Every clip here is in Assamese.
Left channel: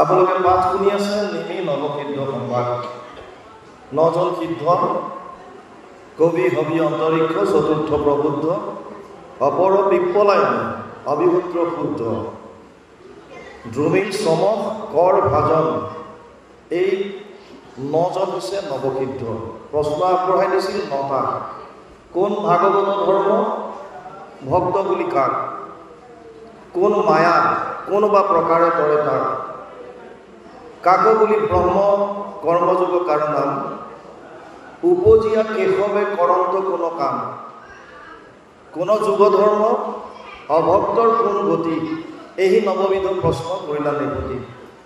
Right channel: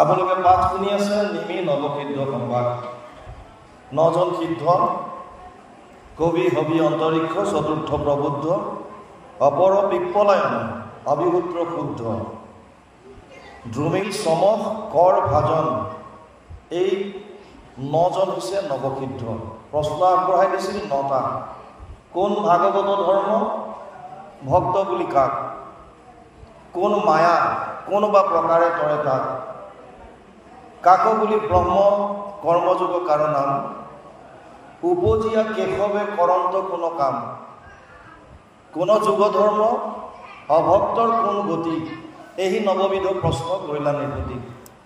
আপোনালোকে পাঠ শুনি আছে নিমি নৱসিদ্ধ সম্ভাৰ। 9জন সিদ্ধ, কবি হবি অন্তৰিক্ষ, চতুৰ্থ প্ৰবুদ্ধ, অপৰ পিপ্পলায়ন, অবিভূত্ৰ শুদ্ধ, দ্ৰুমিল চমক, কৰ ভাজন, এই 9জন হৈছে নৱসিদ্ধ। প্ৰশ্ন আগবঢ়াই দিছিল 9টা। কোন ভাগৱত ধৰ্ম? ভক্ত বুলি কাক? কোন মায়া কোনোবা প্ৰকাৰে তৰে তাক? কাক বুলি ব্ৰহ্ম কৰ্মযোগ কাৰ নাম? উপজিয়া কেশৱে কৰন্ত কোন কাম? কোন যুগ ধৰ্ম? অভক্তৰ কোন গতি? এই নৱবিধ প্ৰশ্ন কইলা নিপতি।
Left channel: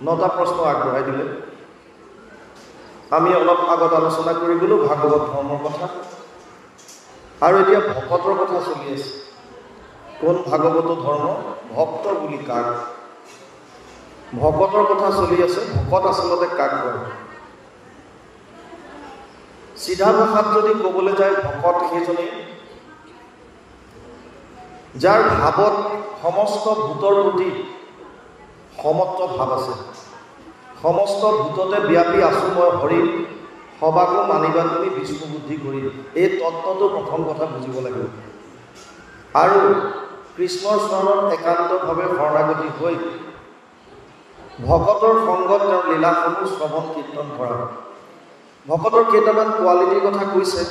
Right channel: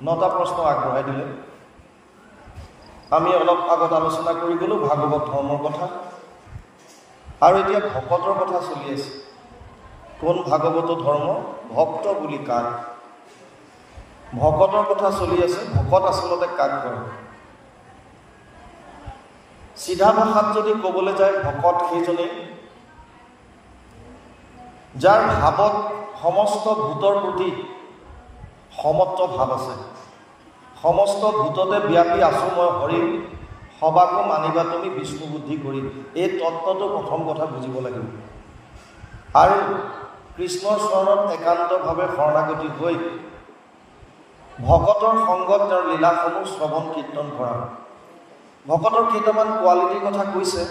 9টা প্ৰশ্ন আগবঢ়াই দিলে। আমি অলপ আগত আলোচনা কৰি গ'লো ভাগৱত ধৰ্মৰ কথা, আৰু এতিয়া ভকতৰ কথা চলি আছে। কোন ভাগৱত ধৰ্ম? ভক্ত বুলি কাক? ভকতৰ কথা চলি আছে। ভকত আচলতে কাক কয়? চিধা ভাষাত যদি ক'বলৈ যায়, ভকত সেইজনেই যাৰ ভাৱত সমস্ত ভূতৰ প্ৰতি সমত্ব ভাৱ আছে। সমস্ত ভূততে ব্যাপী আছো মই হৰি, সবাকো মানিবা তুমি বিষ্ণু বুদ্ধি কৰি। এই তত্ত্বটো প্ৰথম কথা বুজিব লাগিব। আৰু কৃষ্ণৰ চৰণত একান্তভাৱে শৰণাগতি হৈ ভকতৰ সংগত তেওঁৰ লীলাসমূহ শ্ৰৱণ কীৰ্তন কৰা। ভকতৰ কেইটামান কোৱালিটিৰ কথা কৈছে।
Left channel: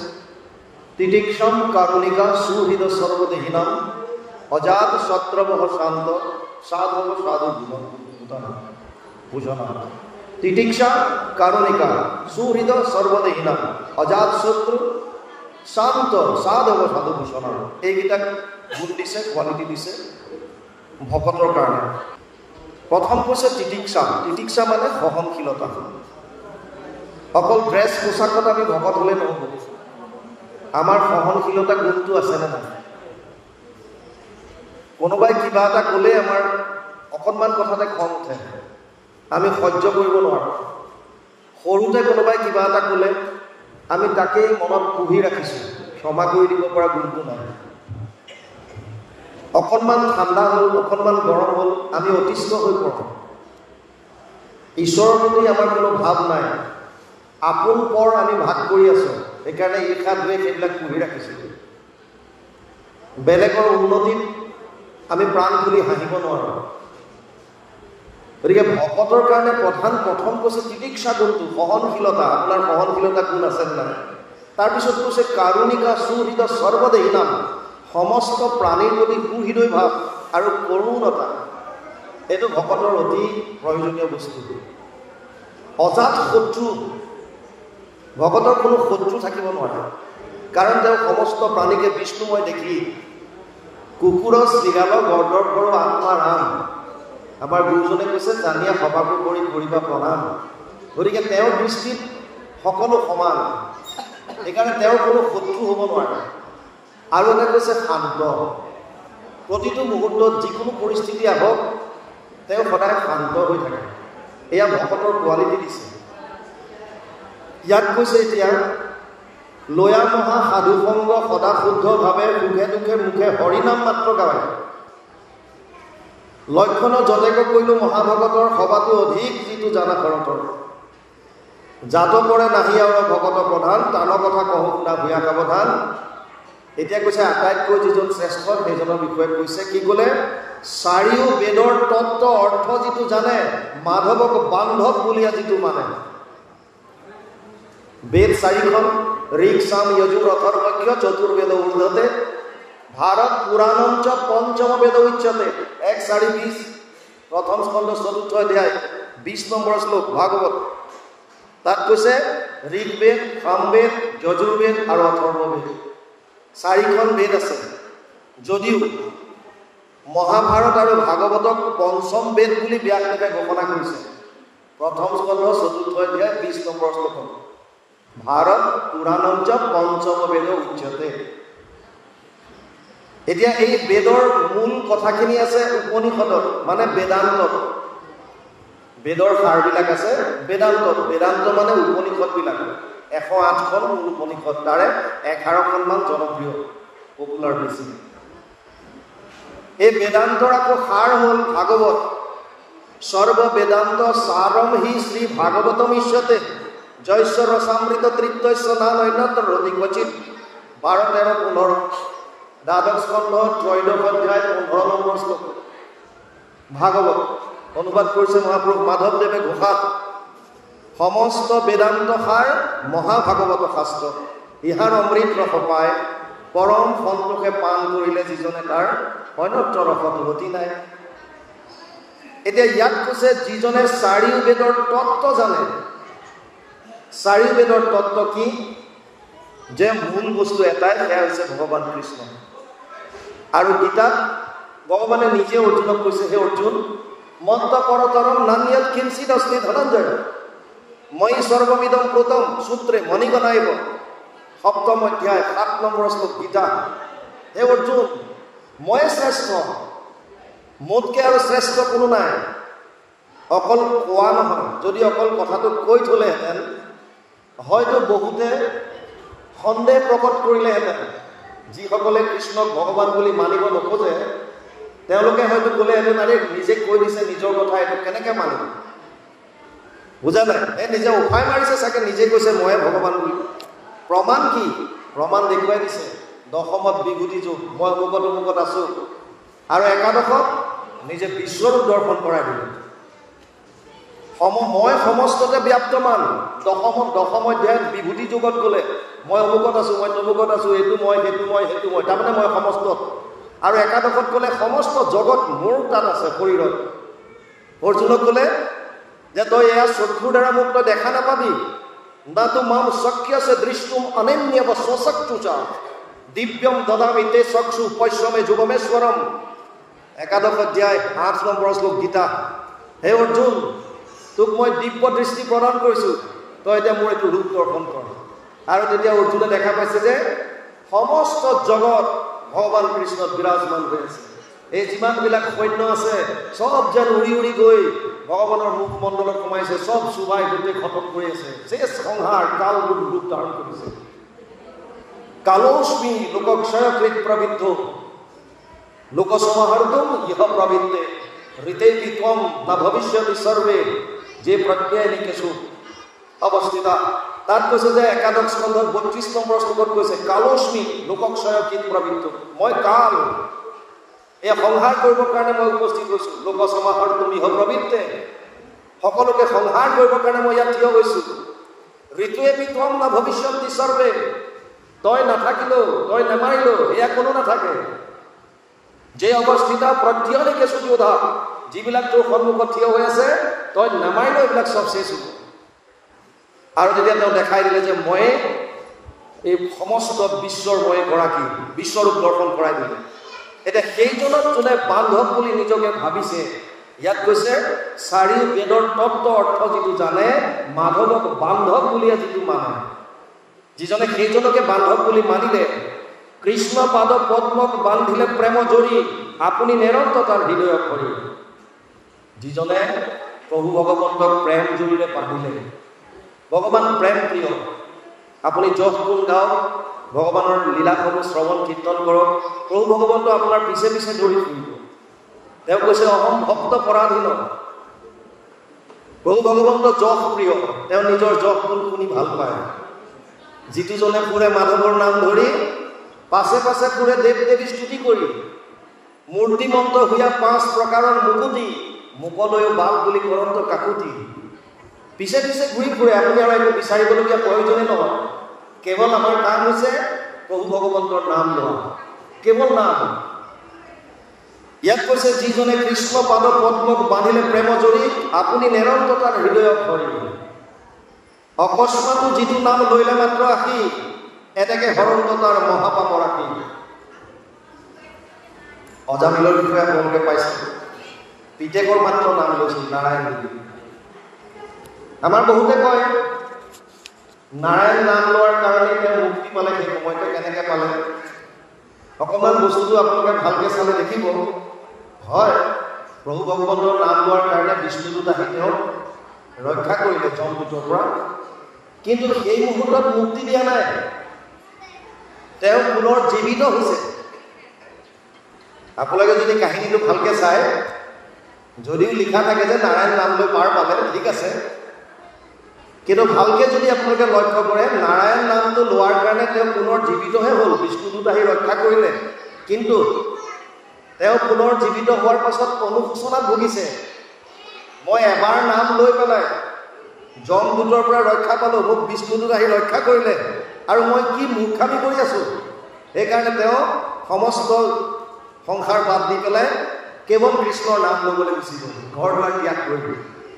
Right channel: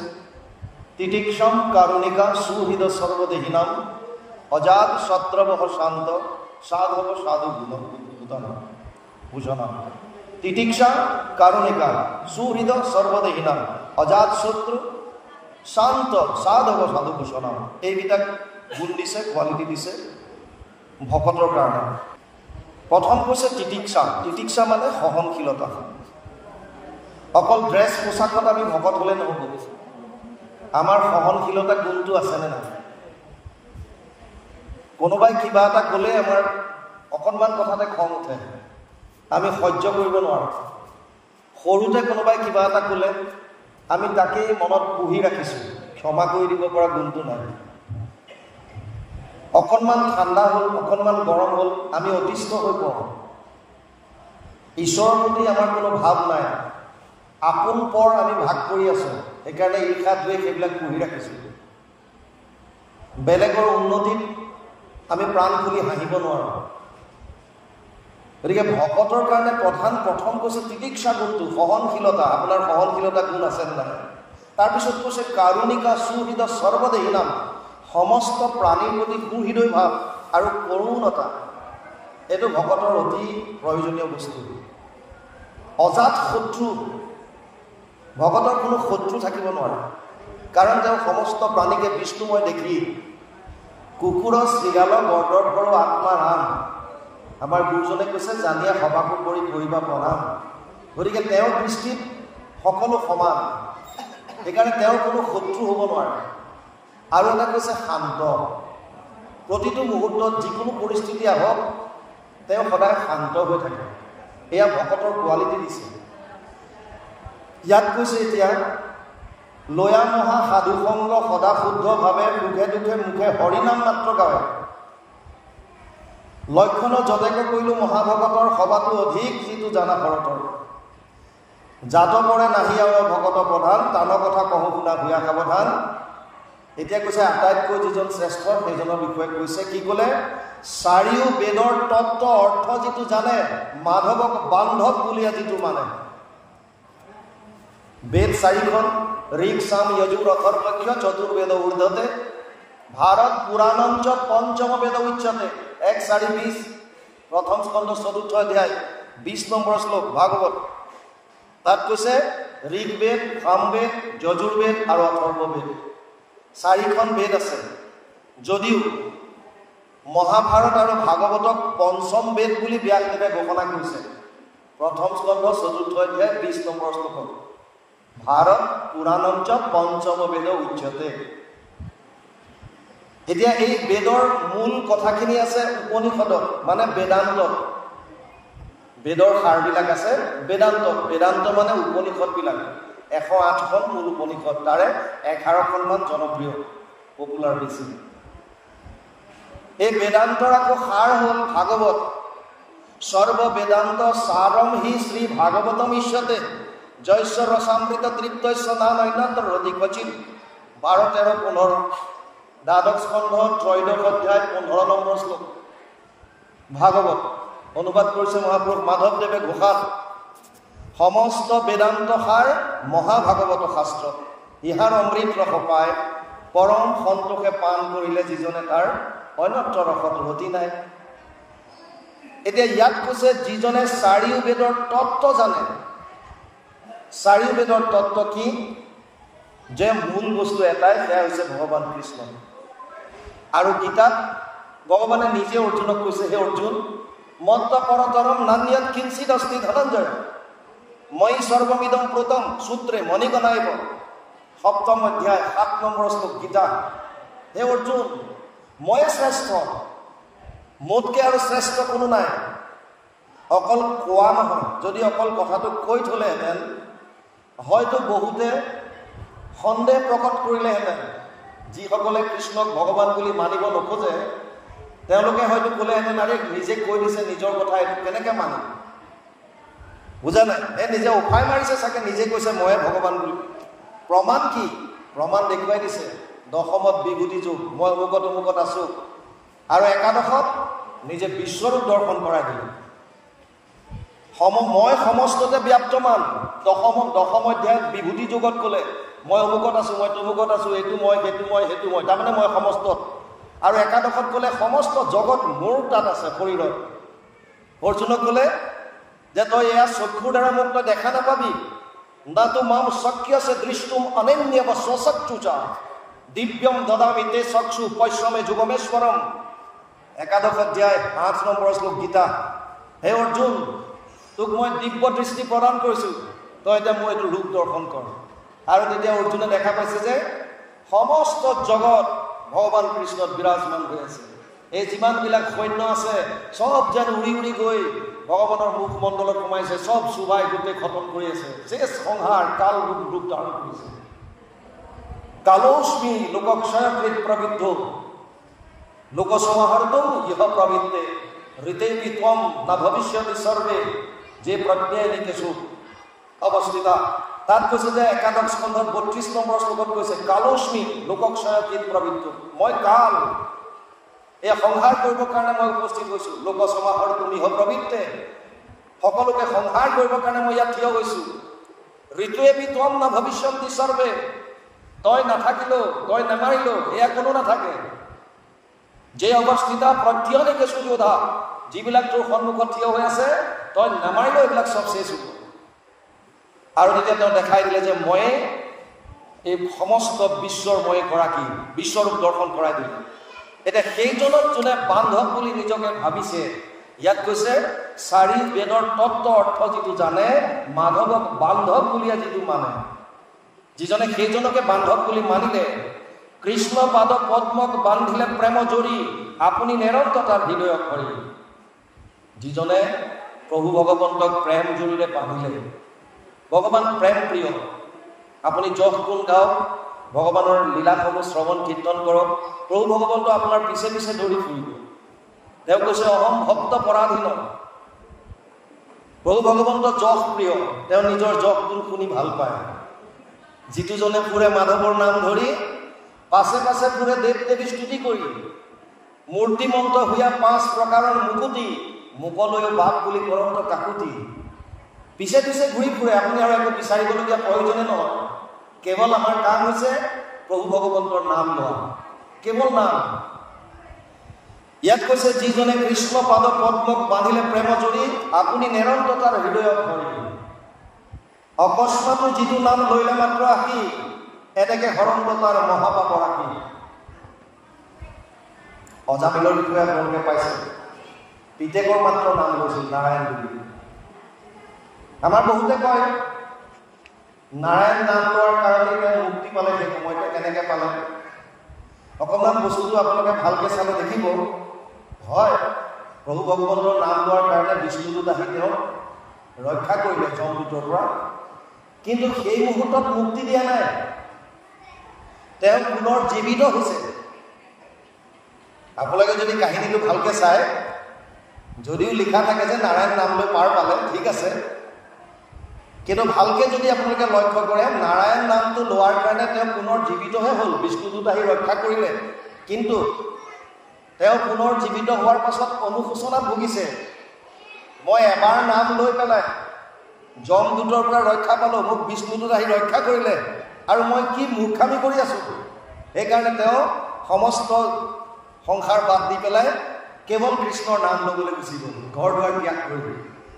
তিতিক্ষম কাৰুণিকা সুহৃদ সৰ্বদেহিনাম, অজাত সত্ৰবহ শান্ত, সাধৱ সাধু ভূষণাম। তিতিক্ষা কাৰুণিকা সুহৃদ সৰ্বদেহিনাম, অজাত শত্ৰু শান্ত, সাধৱ সাধু ভূষণাম। এইকেইটাক গুণ দিছে, কোৱালিটি দিছে ভকতৰ কাৰণে। প্ৰথম কৈছে তিতিক্ষা। তিতিক্ষা মানে সহনশীলতা। অকল ড্ৰেছ পোছাকত আমি ভকত হ'লে নহ'ব। আমাৰ সহনশীলতা গুণটো আছেনে নাই? কোনোবাই কিবা এটা ক'লে আমাৰ অকণমান কথাতে খং উঠে, আমি সহ্য কৰিব নোৱাৰোঁ। সৰুতে কোনোবাই কিবা এটা ক'লে আমি তাকেই মনত পুহি ৰাখিছোঁ, ক্ষমা কৰি দিব পৰা গুণটো নাই। অকণমান ঠাণ্ডা হ'ল, অকণমান গৰম হ'ল, আমি অতিষ্ঠ হৈ পৰোঁ। ঈশ্বৰৰ প্ৰতি আমাৰ কোনো ভাৱ নাই। আপোন পৰ আমি ভাগ কৰি আছোঁ, সেইকাৰণে ঈৰ্ষা দ্বেষ সেইবিলাক পুহি ৰাখিছোঁ। বেলেগৰ উন্নতিত আমি প্ৰাণ খুলি হাঁহিব নোৱাৰোঁ। গতিকে ভকতৰ কাৰণে প্ৰথম কৈছে তিতিক্ষা গুণটো, সহনশীলতা। আপোনাৰ সহনশীলতা গুণ আছে নাই? তাৰপিছত কৈছে কাৰুণিকা সুহৃদ সৰ্বদেহিনাম, সমস্ত প্ৰাণীৰ প্ৰতি সুহৃদয় ভাৱ আৰু কৰুণতা। এইটো ভকতৰ অতি প্ৰয়োজনীয় বস্তু। অজাত শত্ৰু। ভকতৰ কোনো শত্ৰু থাকিব নোৱাৰে, কাৰণ তেওঁ সমস্ত প্ৰাণীকে বিষ্ণুময় দেখি কুকুৰ শৃগাল গৰ্দৰ কৰো আত্মাৰ আন। আমাৰ গুৰুজনে কৈছে জানিয়া সভাকো কৰি কৰিবা প্ৰণাম। গতিকে তেওঁৰ দৃষ্টিত সকলো সমান, সেইকাৰণে তেওঁৰ কোনো শত্ৰু হ'ব নোৱাৰে। আৰু এটা কৈছে শান্ত। প্ৰতিটো মুহূৰ্তত যিকোনো পৰিস্থিতি আহক তেওঁ সদায় শান্ত হৈ থাকে। এয়া ভকতৰ কোৱালিটি দিছে। ইয়াত কৈছে এতিয়া লয়া মহা সাধুসংগ সদা শুদ্ধভাৱে সুখে দুখে মুখে হৰিনাম মাত্ৰ গায়। লক্ষণ যতেক কৰিলোঁ মহাভগতৰ, সবাতো অধিক যিটো জানা শৰতৰ। জাত পৰে নাহি আৰু ভকত প্ৰধান, টানৰ কথা কহোঁ শুনা ভূঞা সাৱধান। এতিয়া কৈছে আটাইতকৈ যিজন শ্ৰেষ্ঠ সেইজনৰ বিষয়ে কৈছে। কি ক'লে? চাৰিও বেদৰ তত্ত্ব অৰ্থ যিটো জানে, মাধৱক বান্ধৱ বুলিয়া যিটো মানে। বেদ 4খন, ঋক সাম যজুৰ অথৰ্বক্ষ চতুৰ্বেদ ঊৰ্ধ্বতে, ভাৰত পুৰাণঞ্চ পঞ্চম বেদ উচ্যতে। 1:4:20 প্ৰথম স্কন্ধ 4ৰ্থ অধ্যায় 20 নম্বৰ শ্লোক ভাগৱত। তাত কৈছে ঋগ্বেদ, সামবেদ, যজুৰ্বেদ আৰু অথৰ্ববেদ। 4খন বেদ আছে। যদিও মহাভাৰত আৰু ভাগৱতক পঞ্চম বেদ বুলি ব্যাসদেৱে ঘোষণা কৰিছে। প্ৰথম স্কন্ধ 4ৰ্থ অধ্যায় 20 নম্বৰ শ্লোক। ভাৰত পুৰাণঞ্চ পঞ্চম বেদ উচ্যতে। এতিয়া এই বেদৰ মূল কথাখিনি আছে উপনিষদত, মানে বেদান্তত। বেদৰ সাৰবিলাক আছে বেদান্তত। বেদান্ত মানে উপনিষদবিলাক। 108খন মূল উপনিষদ, তাৰে 11খনমান জনপ্ৰিয়, পপুলাৰ বেছি। এই বেদান্তৰ আকৌ সাৰ হ'ল ভাগৱত। সৰ্ব বেদান্ত সাৰম হি শ্ৰী ভাগবতম ইষ্যতে জৈশ্বৰ ৰসামৃত তৃপ্তস্য নাম অন্যতৰ অধিকচিত 12-13-15 দ্বাদশ স্কন্ধ ত্ৰয়োদশ অধ্যায় 15 নম্বৰ শ্লোক ভাগৱত অনুবাদ কৰিছে মহাপুৰুষ মাধৱদেৱে ঘোষাত সমস্ত বেদান্ত সাৰ মহাভাগৱত শাস্ত্ৰ ইহাৰ অমৃত ৰস পায় পৰম সন্তোষে পান কৰিলে যিজনে তাৰ অন্যত্ৰ ৰসত গতি নাই এতিয়া ইয়াত কৈছে যিজনে চাৰিও বেদৰ তত্ত্ব জানে চাৰিও বেদৰ তত্ত্ব কি যে মূল বস্তু এটাই সেয়া হৈছে ভগৱান কৃষ্ণ আৰু গীতাত ভগৱানে নিজে অৰ্জুনক কৈছে হে অৰ্জুন মত্ত পৰতৰম নান্যৎ কিঞ্চিৎ অস্তি ধনঞ্জয় মই সৰ্বমিদম প্ৰোতম সূত্ৰে মণিগণাইব সপ্তম অধ্যায় 7 নম্বৰ শ্লোক গীতা হে অৰ্জুন মই শ্ৰেষ্ঠ মোতকে আৰু শ্ৰেষ্ঠ কোনো নাই অকল কোৱা নহয় যদি অকল কথাটো কৈ থলেহেঁতেন হয়তো বহুতে সন্দেহ প্ৰকট কৰিলেহেঁতেন যিসকলে কৃষ্ণক ভগৱান বুলি মানিব নোখোজে তেওঁলোকে হয়তো ক'লেহেঁতেন আৰে নিজে কৈ দিছে নিজৰ কথা এইটো কেনেকৈ মানিব বুজা নাই নিজে উফাই মাৰিছে চাগে নিজে কৈছে ময়ে ভগৱান বুলি প্ৰমাণ কি প্ৰমাণ দেখুৱাই দিছে দশমত বিভূতি যুগ মই অমুকত আছোঁ আৰু একাদশত নিজে বিশ্বৰূপ দৰ্শন কৰাই দিলে মই সমস্ততে ব্যাপ্তমান দশম অধ্যায়ত বিভূতি যুগত ক'লে মই অমুকত আছোঁ মই তমুকত আছোঁ এইটো মই সেইটো মই তাৰমানে মই সমস্তত আৰু একাদশত ক'লে সমস্ত জগত মোৰ তাত আছে শৰীৰত অৰ্জুনক ক'লে যে তই এয়া চক্ষুৰ দ্বাৰা মোক তই দেখা নাপাবি নাতো মাম শক্যছে দৃষ্টুম অনন্যব স্বচক্ষুষা দিব্যম দদামি তে চক্ষু পশ্যমে যুগমেশ্বৰম একাদশ অধ্যায় 8 নম্বৰ শ্লোক গীতা হে অৰ্জুন তোক মই দিব্য দৃষ্টি প্ৰদান কৰিছোঁ তই এতিয়া মোৰ এইটো ৰূপ দৰ্শন কৰ আৰু তেতিয়া অৰ্জুনে দেখা পাইছে যে সমস্ত জগত ভগৱান কৃষ্ণত বিৰাজমান হৈ আছে এই যিমানবিলাক সৈন্য আছে চব যেন উৰি উৰি গৈ ভগৱানৰ মুখমণ্ডলত সোমাইছে চব চুবাই গোটেই খতম কৰি আছে যে সংহাৰ কাল ৰূপ ধাৰণ কৰিছে কালোস্মি লোকক্ষয়কৃত প্ৰবৃদ্ধ লোকসমাহৰ্তম ইহ প্ৰবৃত্তে ঋতে বিত্বম না ভবিষ্যতি সৰ্বে যে প্ৰত্যয়নিকেষু অৱস্থিতা তাত কৈছে যে একাদশ স্কন্ধত 32 নম্বৰ শ্লোকত কৈছে কালোস্মি লোকক্ষয়কৃত প্ৰবৃত্ত মই কাল এই সংহাৰ কৰিবৰ কাৰণে মই উপস্থিত হৈছোঁ লোকসমাহৰ্তম ইহ প্ৰবৃত্তে সকলোকে সংহাৰ কৰিবৰ কাৰণে মই ইয়াত থিয় হৈছোঁ ঋতুৱে বিত্বম না ভবিষ্যতি সৰ্বে তই নাথাকিলেও তই নামাৰিলেও এয়া কোনো নাথাকে যে অৱস্থিতা প্ৰত্যয়নিকেষু যোধা যিবিলাক তোৰ সন্মুখত থিয় হৈ আছে তই নামাৰিলেও এইবিলাক চব শেষ হ'ব আৰু তেতিয়া তেওঁ দেখাই দিলে যে মই এই সমস্ত বিশ্বৰ মই গৰাকী বিশ্বৰূপ দৰ্শন কৰাই দিলে এতিয়া সেইজনত যোনে বান্ধৱ বুলি নিজকে ভাবিছে ইয়াত কৈছে চাৰি বেদৰ তত্ত্ব অৰ্থ যিটো জানে মাধৱক বান্ধৱ বুলিয়ে যিটো মানে যিজনে সেইজনকে বান্ধৱ বুলি মানিলে কৃষ্ণ পাদ পদ্মক বান্ধিলে প্ৰেম জড়ি আপুনি নিৰন্তৰ তাৰ হৃদয়ত ভৰি যিজনে প্ৰভু ভগৱন্তক প্ৰেম জড়িৰে বান্ধিলে ভগৱান প্ৰেম প্ৰিয় আপুনি যশ গুণ গাওক ভগৱানৰ লীলাসমূহ শ্ৰৱণ কীৰ্তন কৰক প্ৰভু ভগৱন্ত আপোনাৰ পিছে পিছে দৌৰি ফুৰিব তেওঁ কৈছে অহম ভক্ত পৰাধীন প্ৰভু ভগৱন্ত যশ প্ৰিয় তেওঁ নিজৰ যশ গুণ শুনি ভাল পায় যিটোজনে ফুৰে মাধৱৰ নাম ধৰি পাছে পাছে ফুৰে দেৱ দেৱী স্তুতি কৰি মূৰ্তিমন্ত হোৱা 5 প্ৰকাৰৰ মুকুতি মুকলৈও বাপ বুলি কৰন্ত কাকুতি পিছে পিছে ঘূৰি ফুৰে আপুনি আৰু একো বিচাৰিবলগীয়া প্ৰয়োজনে নহয় কেৱল আমাৰ কাম হৈছে প্ৰভু ভগৱন্তৰ নাম লোৱা কেৱল নাম ইয়াত কৈছে যিজনে কৃষ্ণ পাদ পদ্মক বান্ধিলে প্ৰেম জড়ি আপুনি নিৰন্তৰ তাৰ হৃদয়ত ভৰি অকস্মাতো যিটো নাম লৈলে মাত্ৰ আহি এটাকে হৰন্ত তাৰ মহাপাপ ৰাখি অজামিলৰ বিষয়ে আপোনালোকে পাইছে পিতেকৰ মাত্ৰ নাম লৈছিল নাৰায়ণ বুলি আমাৰ বহুতে কয় নাৰায়ণ নাম লোৱাৰ কাৰণে তেওঁ মুক্তি পালে সেই সময়তে কেনেকৈ পালে অকণমান বস্তুটো আপোনালোকে ভালকৈ চালে দেখিব হয় প্ৰভু ভগৱন্তৰ নাম লোৱাৰ কাৰণে বিষ্ণুদূত আহি তেওঁক ৰক্ষা কৰিলে যমদূতৰ পৰা কিন্তু সেই মুহূৰ্তত মুক্তি দিয়া নাই তেওঁ পুনৰ জীৱিত হৈছে আপোনালোকে যদি কাহিনীটো ভালকৈ চায় যদিও লিখা থাকে যে নাৰায়ণ নাম লৈ পাৰ পালে, ঠিক আছে, কিন্তু ভালকৈ যদি আপোনালোকে লক্ষ্য কৰে, নাৰায়ণ নামটো লোৱাৰ কাৰণে তেওঁ পুনৰ জীৱিতহে হ'ল, বিষ্ণুদূত আহি ৰক্ষা কৰিলে, কিন্তু তেওঁ পুনৰ জীৱিত হোৱাৰ পাছত অনুশোচনাত ভুগিছে। মই এবাৰ নাম লৈ পেলাই যমদূতৰ পৰা ৰক্ষা পালোঁ, মোক বিষ্ণুদূত আহি ৰক্ষা কৰিলে, আৰু মই কি মূৰ্খামি কৰি আছোঁ। সেইকাৰণে তেওঁ সমস্ত সংসাৰ বাদ দি পেলাই কেৱল কৃষ্ণৰ নাম ল'বলৈ গুচি গ'ল, ঘৰ দুৱাৰ ত্যাগ কৰি,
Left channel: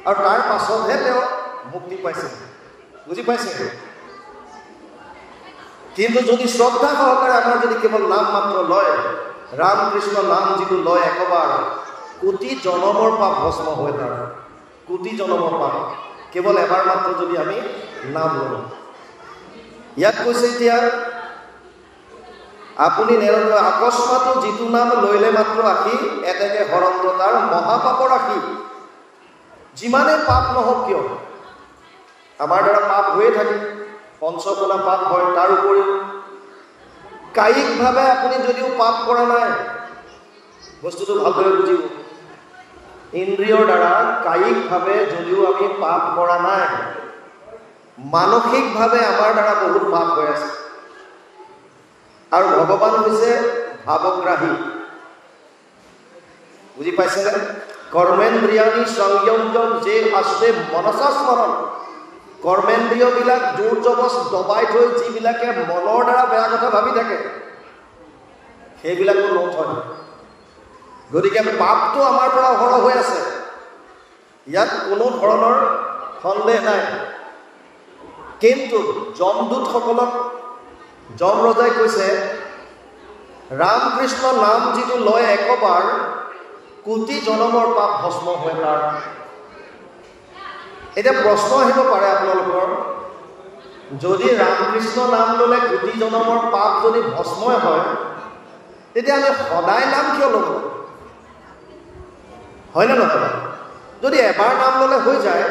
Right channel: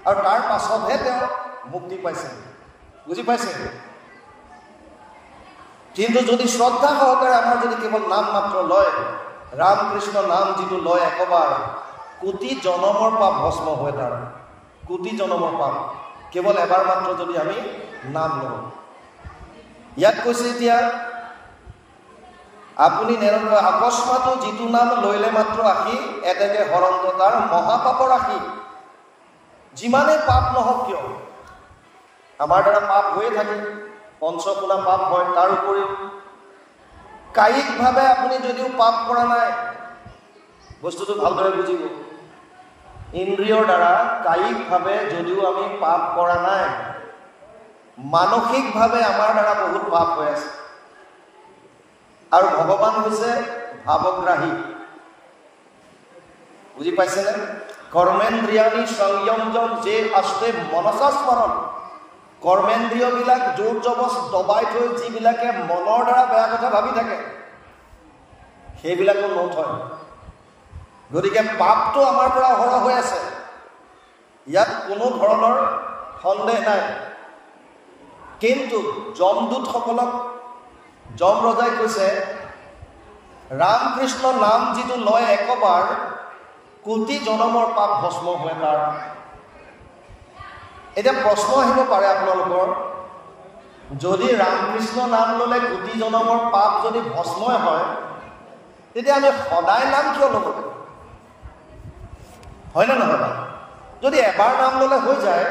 আৰু তাৰ পাছতহে তেওঁ মুক্তি পাইছে। বুজি পাইছে? কিন্তু যদি শ্ৰদ্ধা সহকাৰে আমাৰ যদি কেৱল নাম মাত্ৰ লয়, ৰাম কৃষ্ণ নাম যিটো লয় একবাৰ, কোটি জনমৰ পাপ ভস্ম হয়, তাৰ কোটি জনমৰ পাপ কেৱল এবাৰ মাত্ৰ যদি আমি নাম লওঁ। ইয়াত কৈছে এতিয়া আপুনি আকস্মাতো যিটো নাম লৈলে মাত্ৰ আশী, এতেকে হৰন্ত তাৰ মহাপাপৰ আশী। যিমানে পাপ নহওক কিয়, আমাৰ দ্বাৰা পাপ হৈয়ে থাকে, পঞ্চগুণা পাপ হয়। তাৰ উপৰিও কায়িকভাৱে আপুনি যদিও পাপ কৰা নাই, বস্তুটো ভালদৰে বুজিব, ইন্দ্ৰিয়ৰ দ্বাৰা কায়িকভাৱে যদিও আমি পাপ কৰা নাই, মানসিকভাৱে আমাৰ দ্বাৰা বহুত পাপ হৈ আছে। আৰু ভগৱান হৈছে ভাৱগ্ৰাহী। বুজি পাইছেনে? কৰ্মেন্দ্ৰিয়ানি সংযম যে আস্তে মনসা স্মৰণ। কৰ্মেন্দ্ৰিয়বিলাক জোৰ জবস্ত দবাই থৈ যিবিলাকে মনৰ দ্বাৰা বেয়া কথা ভাবি থাকে, সেইবিলাকো নথয়। গতিকে পাপটো আমাৰ পৰা অহৰহ হৈ আছে, ইয়াত কোনো ধৰণৰ সন্দেহ নাই। কিন্তু যমদূতসকলক যম ৰজাই কৈছে, ৰাম কৃষ্ণ নাম যিটো লয় একবাৰ, কোটি জনমৰ পাপ ভস্ম হয় তাৰ। এতিয়া প্ৰশ্ন আহিব পাৰে আপোনালোকৰ, যদি ৰামকৃষ্ণ নাম ল'লে কোটি জনমৰ পাপ যদি ভস্মই হয়, তেতিয়া আমি সদায় নাম কিয় ল'ব? হয়নে নহয়? যদি এবাৰ নাম ল'লে হৈ যায়,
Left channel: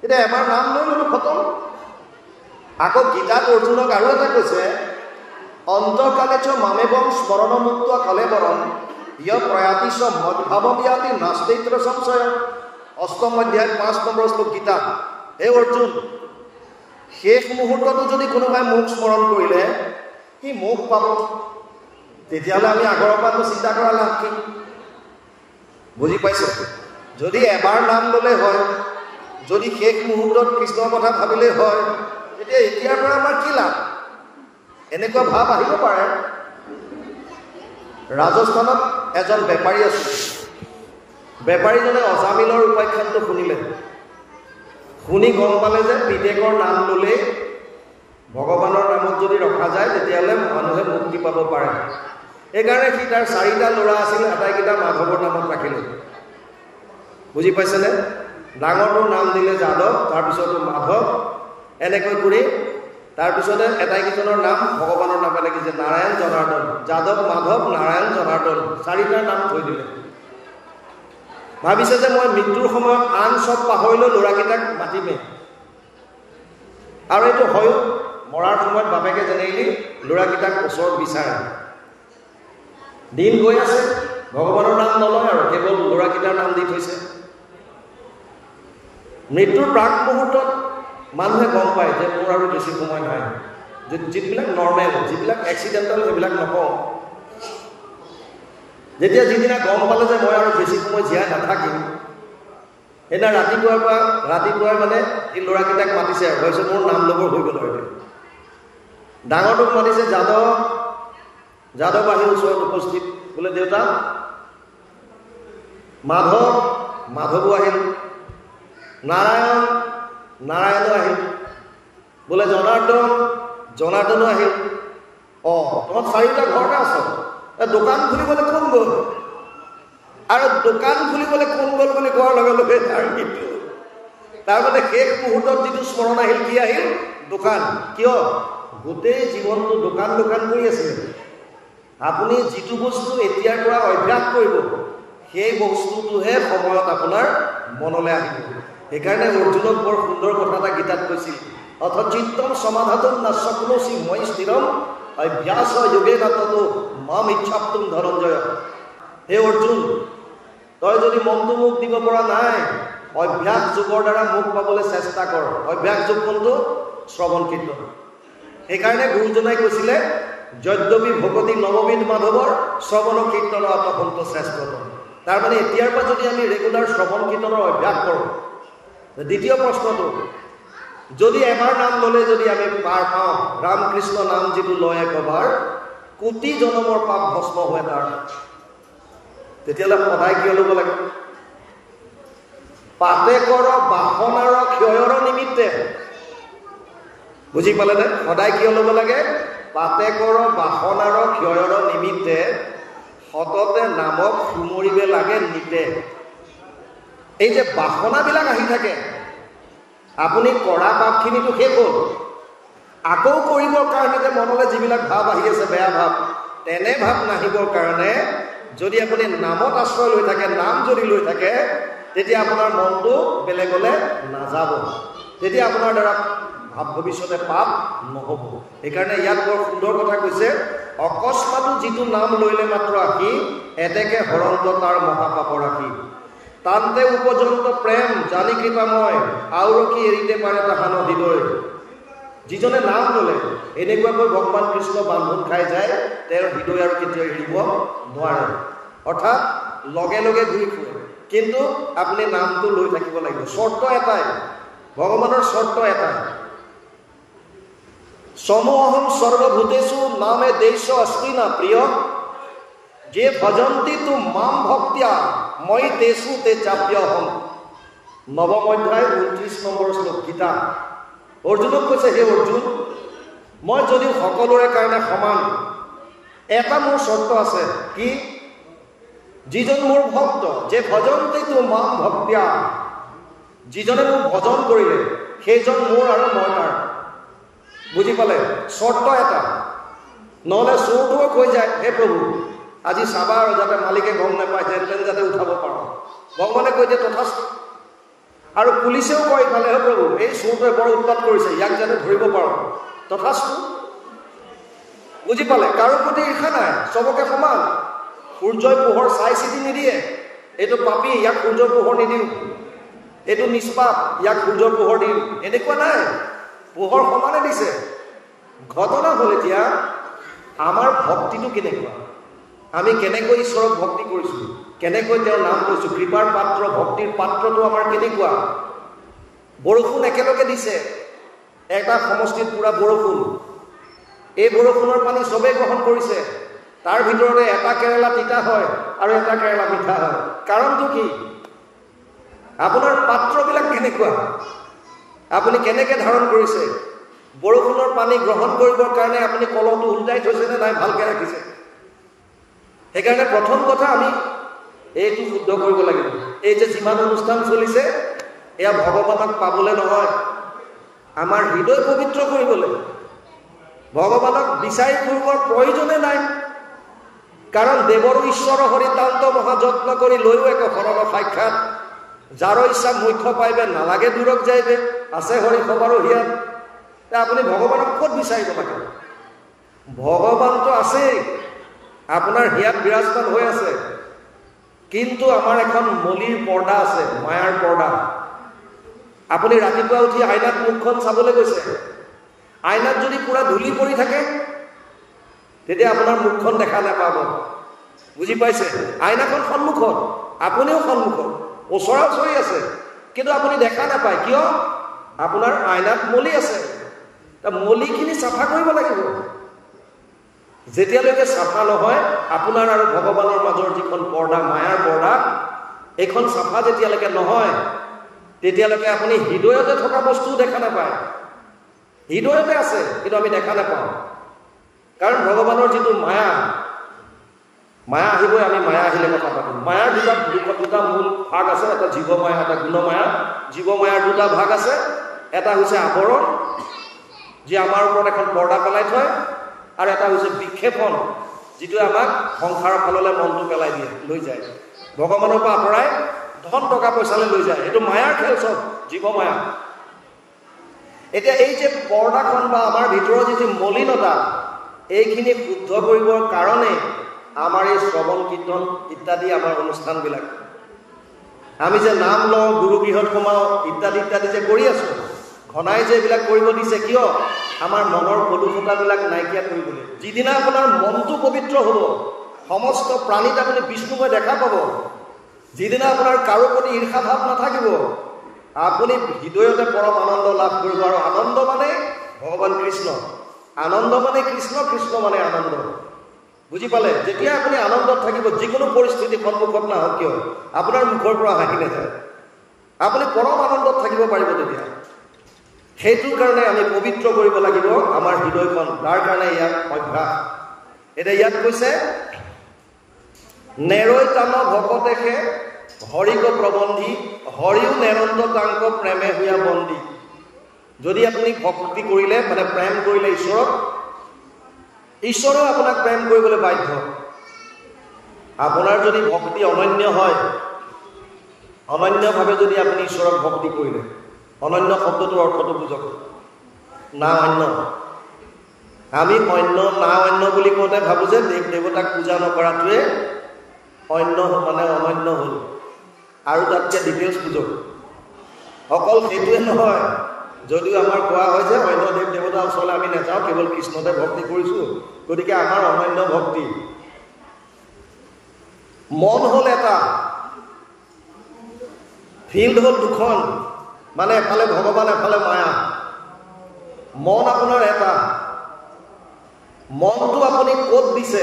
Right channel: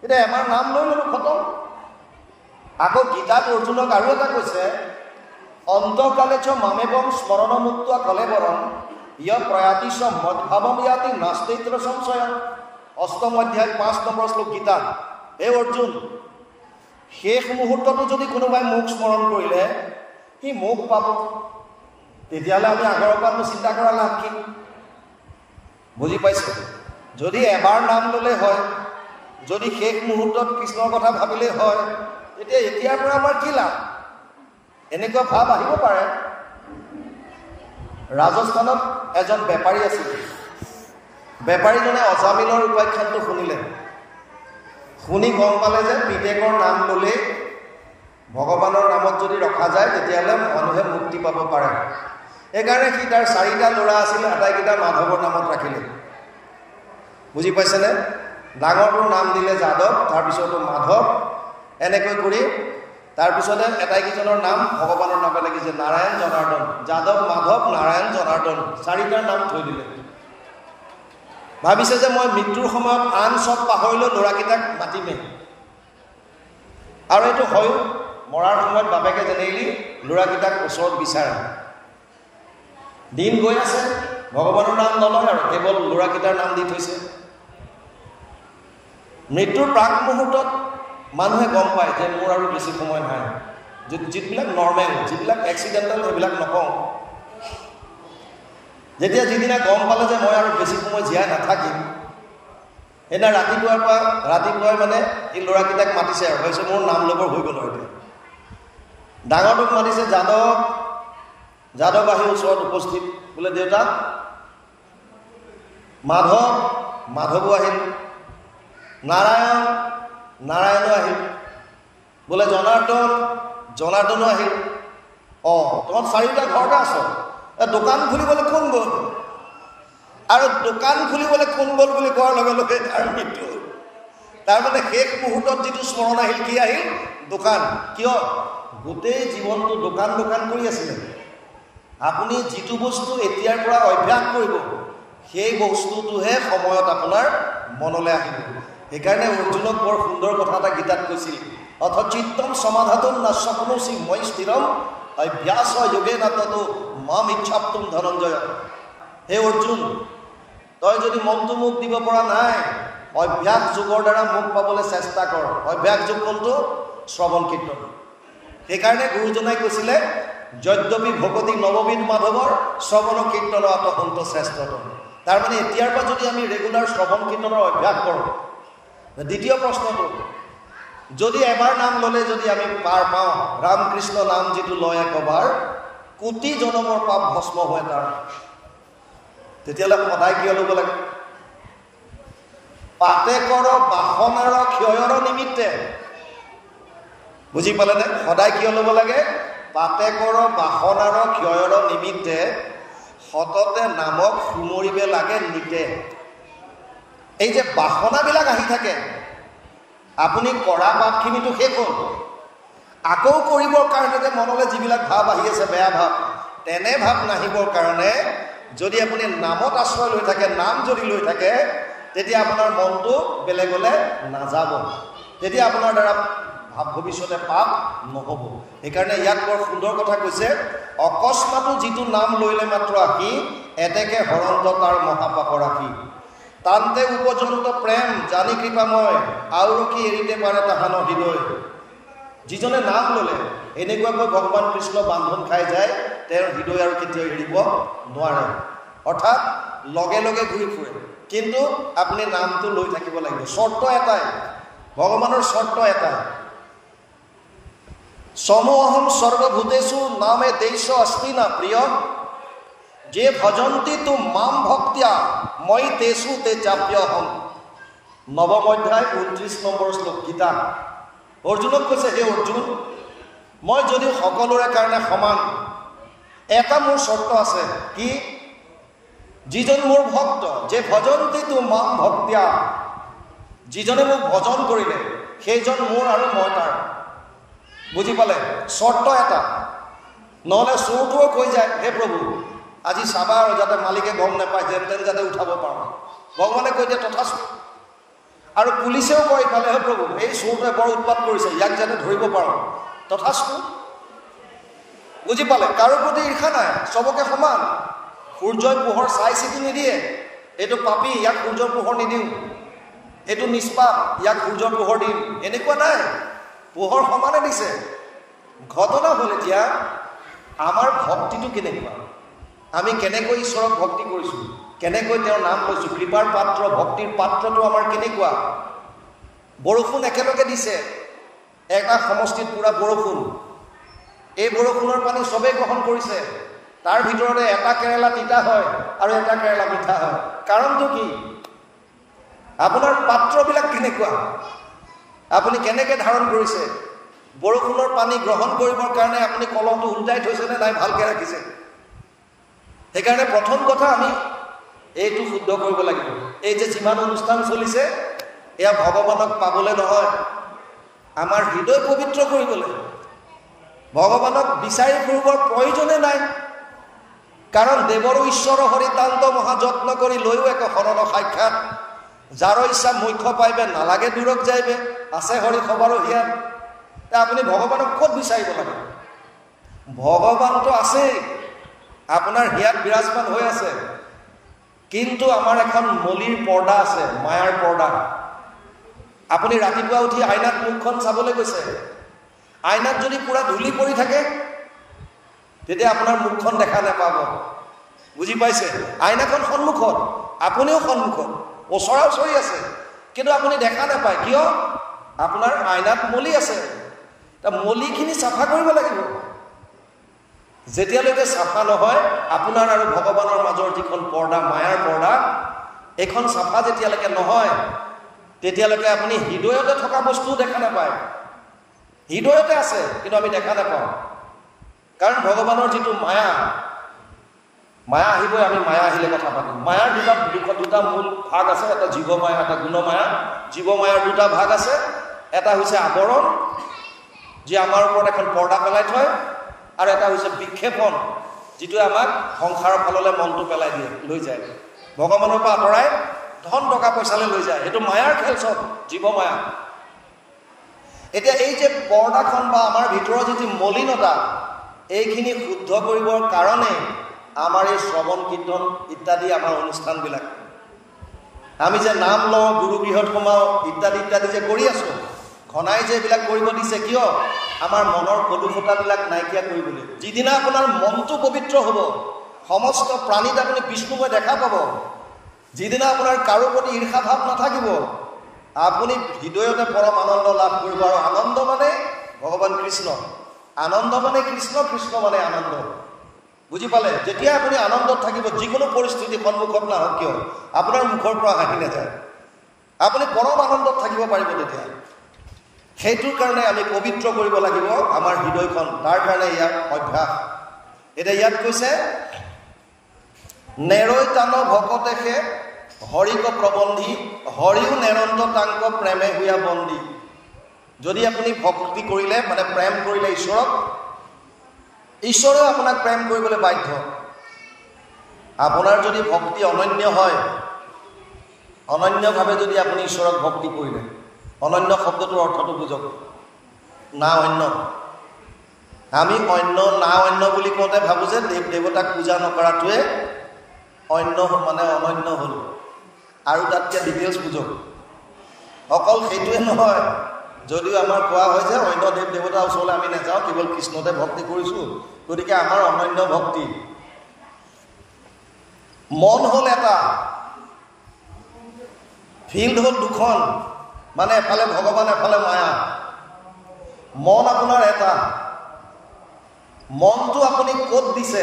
তেতিয়া এবাৰ নাম লৈ ল'লো, খতম। আকৌ গীতাত অৰ্জুনক আৰু এটা কৈছে, অন্তকালেচ মামেবম স্মৰণমুক্ত কলেবৰম ইয় প্ৰয়াতিশ মদভাৱময়াতি নাস্তিত্ৰ সংশয়। অষ্টম অধ্যায় 5 নম্বৰ শ্লোক গীতা। এই অৰ্জুন, শেষ মুহূৰ্ততো যদি কোনোবাই মোক স্মৰণ কৰিলে সি মোক পাব, তেতিয়াহ'লে আমি আগৰ পৰাটো চিন্তা কৰা লাভ কি? বুজি পাইছে? যদি এবাৰ নাম ল'লে হয়, যদি শেষ মুহূৰ্তত কৃষ্ণৰ কথা ভাবিলে হয়, তেতিয়া এতিয়াৰ পৰা আমাৰ কি লাভ? এনেকুৱা ভাৱ আহিব পাৰে। ৰাজস্থানত এজন বেপাৰী আছিল। বেপাৰীজনে অজামিলৰ উপাখ্যানটো শুনিলে, শুনি গম পালে যে পিতেকৰ নাম ল'লে ভগৱানৰ নামত যদি ৰখা যায়, তেতিয়াহ'লে মানুহে মুক্তি পাব পাৰে। সেইকাৰণে সি তাৰ 4টা ল'ৰা আছিল, আটাইকেইটা মাধৱৰ নামত ৰাখিলে। বুজি পাইছেনে? ডাঙৰটোৰ নাম দিলে যাদৱ, তাৰপিছতো মাধৱ, এনেকৈ কৰি তাৰপিছতে এটাইকেইজনৰ নাম ভগৱানৰ নামে লাগিছে, নাৰায়ণ জনাৰ্দন। যাদৱ, মাধৱ, নাৰায়ণ, জনাৰ্দন, 4টাৰ নাম থৈ দিলে। ভাবিছে যে মই মৃত্যুৰ সময়ত আন চব পাহৰিলেও ল'ৰাকেইটাক মাতিমে। আৰু এইটো হয়ো, মৰাৰ সময়ত বাপেকে জেনেৰেলি ল'ৰাকেইটাক ওচৰত বিচাৰে। দিন গৈ আছে, ভগৱানৰ নাম নলয় আৰু কেৱল ল'ৰাকেইটাৰ নাম দি থৈছে। মৃত্যুৰ প্ৰাক মুহূৰ্তত মানুহে গম পায় যে মোৰ আৰু বেছি সময় নাই। যিবিলাক নৰ্মেল, যিবিলাক এক্সিডেণ্টেল, সেইবিলাক নকওঁ। যেতিয়া যিদিনা গম পালে যে মই আৰু বেছি সময় জীয়াই নাথাকিম, সেইদিনা ৰাতিপুৱাই মানে এই ল'ৰাকেইটাক মাতিছে আৰু ভাবিছে মোৰ নাম ল'বৰ হৈ গ'ল। আৰু ডাঙৰটোক মাতিছে, যাদৱ আহি ওচৰত উপস্থিত। বোলে দেউতা, মাধৱো আহিল, নাৰায়ণো আহিল, বোলে জনাৰ্দনো আহিল। তহঁত 4টা ঘৰতে আছ, দোকান খুলিবলৈ কোন গ'ল? আৰু দোকান খুলিবলৈ কোন গ'ল বুলি কোৱাৰ লগে লগে তাৰ মৃত্যু। তাৰমানে শেষ মুহূৰ্তত যিটো স্মৰণ আহিল, কি আহিল? দোকান। কিয়? গোটেই জীৱনটো দোকান কৰি আছিলে। আপুনি যিটো বস্তু এতিয়াৰ পৰা অভ্যাস কৰিব, সেই বস্তুটোহে সময়ত আপোনাৰ মনলৈ আহিব। সেইকাৰণে অৰ্জুনক বৰ সুন্দৰ কথা এটা গীতাত কৈছিল, অথচিত্তম সমাধাতুম নশক্নোষি ময়ি স্থিৰম অভ্যাস যোগে নাততো মাম ইচ্ছাপ্তুম ধনঞ্জয়। হে অৰ্জুন, তই যদি মনটো মোক দিব পৰা নাই, অভ্যাস যোগৰ দ্বাৰা মোক পাবলৈ চেষ্টা কৰ। অভ্যাস যোগ কোনটো? শ্ৰৱণ কীৰ্তন। সেইকাৰণে গুৰুজনাই কৈছিলে, যদ্যপি ভকতি নৱবিধ মাধৱৰ শ্ৰৱণ কীৰ্তন আতসন্ত শ্ৰেষ্ঠতম। তাৰমানে এতিয়াৰ পৰা যদি আমি ৰেগুলাৰ শ্ৰৱণ কীৰ্তনৰ অভ্যাস কৰোঁ। দ্বিতীয় প্ৰশ্নটো, যদি এবাৰ নাম ল'লে যদি আমি পাৰ পাওঁ, ৰামকৃষ্ণ নাম যিটো লয় একবাৰ কোটি জনমৰ পাপ ভস্ম হয় তাৰ, তেতিয়াহ'লে সদায় কিয় ল'ব লাগে? পাতেকৰ বাসনাৰ ক্ষয়ৰ নিমিত্তে। বুজি পালেনে? সদায় কিয় ল'ব লাগে? পাতেকৰ বাসনাৰ ক্ষয়ৰ নিমিত্তে সততে নামক সুমৰিব লাগে নিতে। এই যে বাসনাবিলাক আহি থাকে, আপুনি কৰা পাপখিনিতো শেষ হ'ল, আকৌ কৰিবৰ কাৰণে যে মনলৈ যিবিলাক ভাৱ আহি আছে, বেয়া ভাৱ, তেনে ভাৱ নাহিবৰ কাৰণে যদি আপুনি নামত আশ্ৰয় লৈ থাকে, নাম যদি লৈ থাকে, তেতিয়া আপোনাৰ মনটো বেলেগলৈ নাযাব। তেতিয়া আপোনাৰ দ্বাৰা ভাৱ ভৱিষ্যতে পাপ নহ'ব। সেইকাৰণে ইয়াত বৰ সুন্দৰ কথা কৈছে, অকস্মাতো যিটো নাম লৈলে মাত্ৰ আহি, এতেকে হৰন্ত তাৰ মহাপাপ ৰাখি। তান্তে উপজনিত প্ৰেম জানি কৃপাময়, আৰু কি এৰিতে পাৰে তাহান হৃদয়। যিজনে নাম ল'লে এনেকুৱাকৈ ভগৱান কৃষ্ণ বান্ধোন খাই যায়, তেওঁৰ হৃদয় আৰু কেতিয়াও এৰিব নোৱাৰে। অৰ্থাৎ লগে লগে ঘূৰি ফুৰে, কিন্তু আপুনি নামটো লৈ থাকিব লাগিব। চৰ্ত এটাই, ভগৱানৰ চৰ্ত এটাই, সমহম সৰ্বভূতেষু নামে দেশ অস্তি না প্ৰিয়, যে ভজন্তি তু মাম ভক্তিয়া মই তেষু তে চাপ্যহম। নৱম অধ্যায় 29 নম্বৰ শ্লোক, গীতা। অৰ্জুনক কৈছে, হে অৰ্জুন, মই যদি সকলোৰে কাৰণে সমান, এটা মোৰ চৰ্ত আছে। কি? যিজন মোৰ ভক্ত, যে ভজন্তি তু মাম ভক্তিয়া, যিজনে মোক ভজন কৰিলে সেইজন মোৰ আৰু মই তাৰ। বুজি পালে? চৰ্ত এটা, নহ'লে চোৰটোৱে কৈ যায়, হে প্ৰভু আজি চাবা আৰু যাতে মালিকে গম নাপায়, যেন তেন যাতে উঠাব পাৰোঁ। ভগৱানে কৈ দিয়ে তথাস্তু। আৰু পুলিচেও কয় ইফালে, হে প্ৰভু এই চোৰটোৱে বৰ উৎপাত কৰিছে, ইয়াক যাতে ধৰিব পাৰোঁ, তথাস্তু। বুজি পালে? কাৰো প্ৰতি ঈৰ্ষা নাই, চবকে সমান। সূৰ্যৰ পোহৰ চাই চিতি নিদিয়ে, এইটো পাপী ইয়াক সূৰ্যৰ পোহৰ নিদিওঁ, এইটো নিষ্পাপ ইয়াক সূৰ্যৰ পোহৰ দিম, এনেকুৱা নাই। পোহৰ সমানে দিছে। ঘটনা হ'ল এতিয়া আমাৰ ভক্তিটো কেনেকুৱা, আমি কেনেকৈ ঈশ্বৰক ভক্তি কৰিছোঁ, কেনেকৈ তেওঁৰ নাম লৈছোঁ, কৃপাৰ পাত্ৰ, ভক্তিৰ পাত্ৰটো আমাৰ কেনেকুৱা। বৰষুণ একেলগে দিছে, এটা সমষ্টিত পুৰা বৰষুণ, এই বৰষুণৰ পানী চবেই গ্ৰহণ কৰিছে, তাৰ ভিতৰতে এটা কেৰেলা তিতা হয় আৰু এটা কেৰেলা মিঠা হয়। কাৰণটো কি? আপোনাৰ পাত্ৰবিলাক কেনেকুৱা, আপুনি কেনেকৈ ধাৰণ কৰিছে। বৰষুণৰ পানী গ্ৰহণ কৰিবৰ কাৰণে আপুনি কলহটো উল্টাই থৈছেনে নাই, ভালকৈ ৰাখিছে। সেইকাৰণে প্ৰথম কথা আমি এইটো শুদ্ধ কৰিব লাগিব। এই যে যিমান অনুষ্ঠান চলিছে, এয়া ভগৱানক পাবলৈ নহয়, আমাৰ হৃদয় পবিত্ৰ কৰিবলৈ। ভগৱানক বিচাৰি ফুৰিবৰ প্ৰয়োজনে নাই, কাৰণ দেৱৰো ঈশ্বৰ হৰিতান্ত মহাযত্ন কৰি লৈও একো শৰণ সাক্ষাৎ, যাৰ ইচ্ছা মুখ্য পাইবে নালাগে দূৰক যাইবে, আছে হৰি খবৰো হিয়াত। আপুনি ভগৱানক ক'ত বিচাৰিব লাগে? ভগৱানটো আছেই, আপোনাৰ হিয়াত বিৰাজমান হৈ আছে, কিন্তু আমাৰ এখন মলিৰ পৰ্দা আছে, মায়াৰ পৰ্দা। আপুনি ৰাতিপুৱা উঠি আইনাত মুখখন চাবলৈ গৈছে, আইনাত যদি পুৰা ধূলি পৰি থাকে তেতিয়া আপোনাৰ মুখখন দেখা নাপাব। বুজি পাইছে? আইনাখন সন্মুখত, আপুনিও সন্মুখত, ওচৰা ওচৰি আছে, কিন্তু আপুনি দেখা নাপায়। কিয়? আপোনাৰ আইনাত মলি আছে। মলিখিনি চাফা কৰিব লাগিব। যেতিয়ালৈকে চাফা নহয়, আপোনাৰ আৰু ভগৱানৰ মাজৰ যিখন পৰ্দা, মায়াৰ পৰ্দা, এইখন চাফা যেতিয়ালৈকে নহয়, তেতিয়ালৈকে আপুনি হৃদয়তে থকা বস্তুও দেখা নাপায়। হৃদয়তে আছে, কিন্তু আমি দেখা নাপাওঁ, কাৰণ ভগৱানৰ যিটো মায়া, মায়া আহিবই, আমি মায়া আহিলে কথা পাতিম। মায়াৰ দুটা মূল ভাগ আছে, এটা জীৱ মায়া, এটা গুণ মায়া। জীৱ মায়াৰ দুটা ভাগ আছে, এটা হৈছে আৱৰণ, যি আমাৰ ওপৰত এখন পৰ্দা পেলাই থয়, আৰু এটা হৈছে বিক্ষেপণ, যিটোৱে আমাক সংসাৰৰ ফাললৈ মনটো পেলাই দিয়ে, লৈ যায়, ভগৱানৰ পৰা আঁতৰাই ধন টকা পইচালৈ লৈ যায়। সেইটো মায়াৰ খেল, চব জীৱ মায়া। এতিয়া এই যে পৰ্দাখন বা আমাৰ ভিতৰৰ যিটো মলিনতা, এইখিনি শুদ্ধ কৰিবৰ কাৰণে আমাৰ এই শ্ৰৱণ কীৰ্তন ইত্যাদি আমাৰ অনুষ্ঠানবিলাক। আমি যে নাম লওঁ, গুৰু গৃহত সোমাওঁ, ইত্যাদি ইত্যাদি যে কৰি আছোঁ, ঘনাই যে এইবিলাক কৰিব দিছে কিয়? আমাৰ মনৰ কলুষতাবিলাক নাইকিয়া কৰিবলৈ। যিদিনা আপোনাৰ মনটো পবিত্ৰ হ'ব, সমস্ত প্ৰাণীত আপুনি বিষ্ণুময় দেখা পাব। যিদিনা আপোনাৰ কাৰো প্ৰতি ঈৰ্ষা ভাৱ নাথাকিব, আপুনি হৃদয়তে পৰম আনন্দ লাভ কৰিব। আৰু আনন্দ মানে ভগৱান কৃষ্ণ, আনন্দ মানে কৃষ্ণ, কৃষ্ণ মানে আনন্দ। বুজি পালে? যেতিয়া আপুনি আনন্দত থাকিব, যিকোনো পৰিস্থিতি সন্মুখত নাহক কিয়, আপোনাৰ মুখৰ পৰা হাঁহি নাযায়, আপুনি পৰম আনন্দত থাকিব পাৰিব তেতিয়া। সেইটোৰ কাৰণে আমি পবিত্ৰ কৰিব লাগিব আমাৰ হৃদয়খন। তাৰ কাৰণে ইয়াৰ অভ্যাস। এতিয়া ইয়াত কৈছে, নেৰৈ টান ভকতেশে হৰিক প্ৰবন্ধী, হৰিও নেৰন্ত তাংক প্ৰেমে হুয়া বন্দী। যদি আপুনি ভক্তি কৰিলে, মানে প্ৰেম কৰিলে ঈশ্বৰক, ঈশ্বৰেও আপোনাক প্ৰেম কৰিবলৈ বাধ্য। আপোনাৰ যদি ভক্তি অনন্য হয়, অনন্যভাৱে যদি আপুনি ঈশ্বৰক ভক্তি কৰিলে, অনন্য শব্দটোৰ অৰ্থটো বুজক, না অন্য। আমি অন্য না অন্য বুলি কওঁতে ভাবোঁ যে দেৱ দেৱতাক পূজা নকৰাটোৱে অন্য মানে অনন্য হ'ল। আৰু তাতকৈ ডিটেইলছ বুজক, অকল সেইটোৱে নহয়। যদিও আমাৰ কোৱা হয় যে অন্য দেৱ দেৱতাৰ ওচৰলৈ আমি নাযাওঁ, কেৱল কৃষ্ণতে ভক্তি কৰিছোঁ, গতিকে আমাৰ অনন্য ভক্তি। মন হ'ল এটা, ফিল্ড হ'ল দুখন, মানে এফালে ভগৱান এফালে মায়া। মন আপোনাৰ এটা, মনটো আপুনি ক'ত দিছে?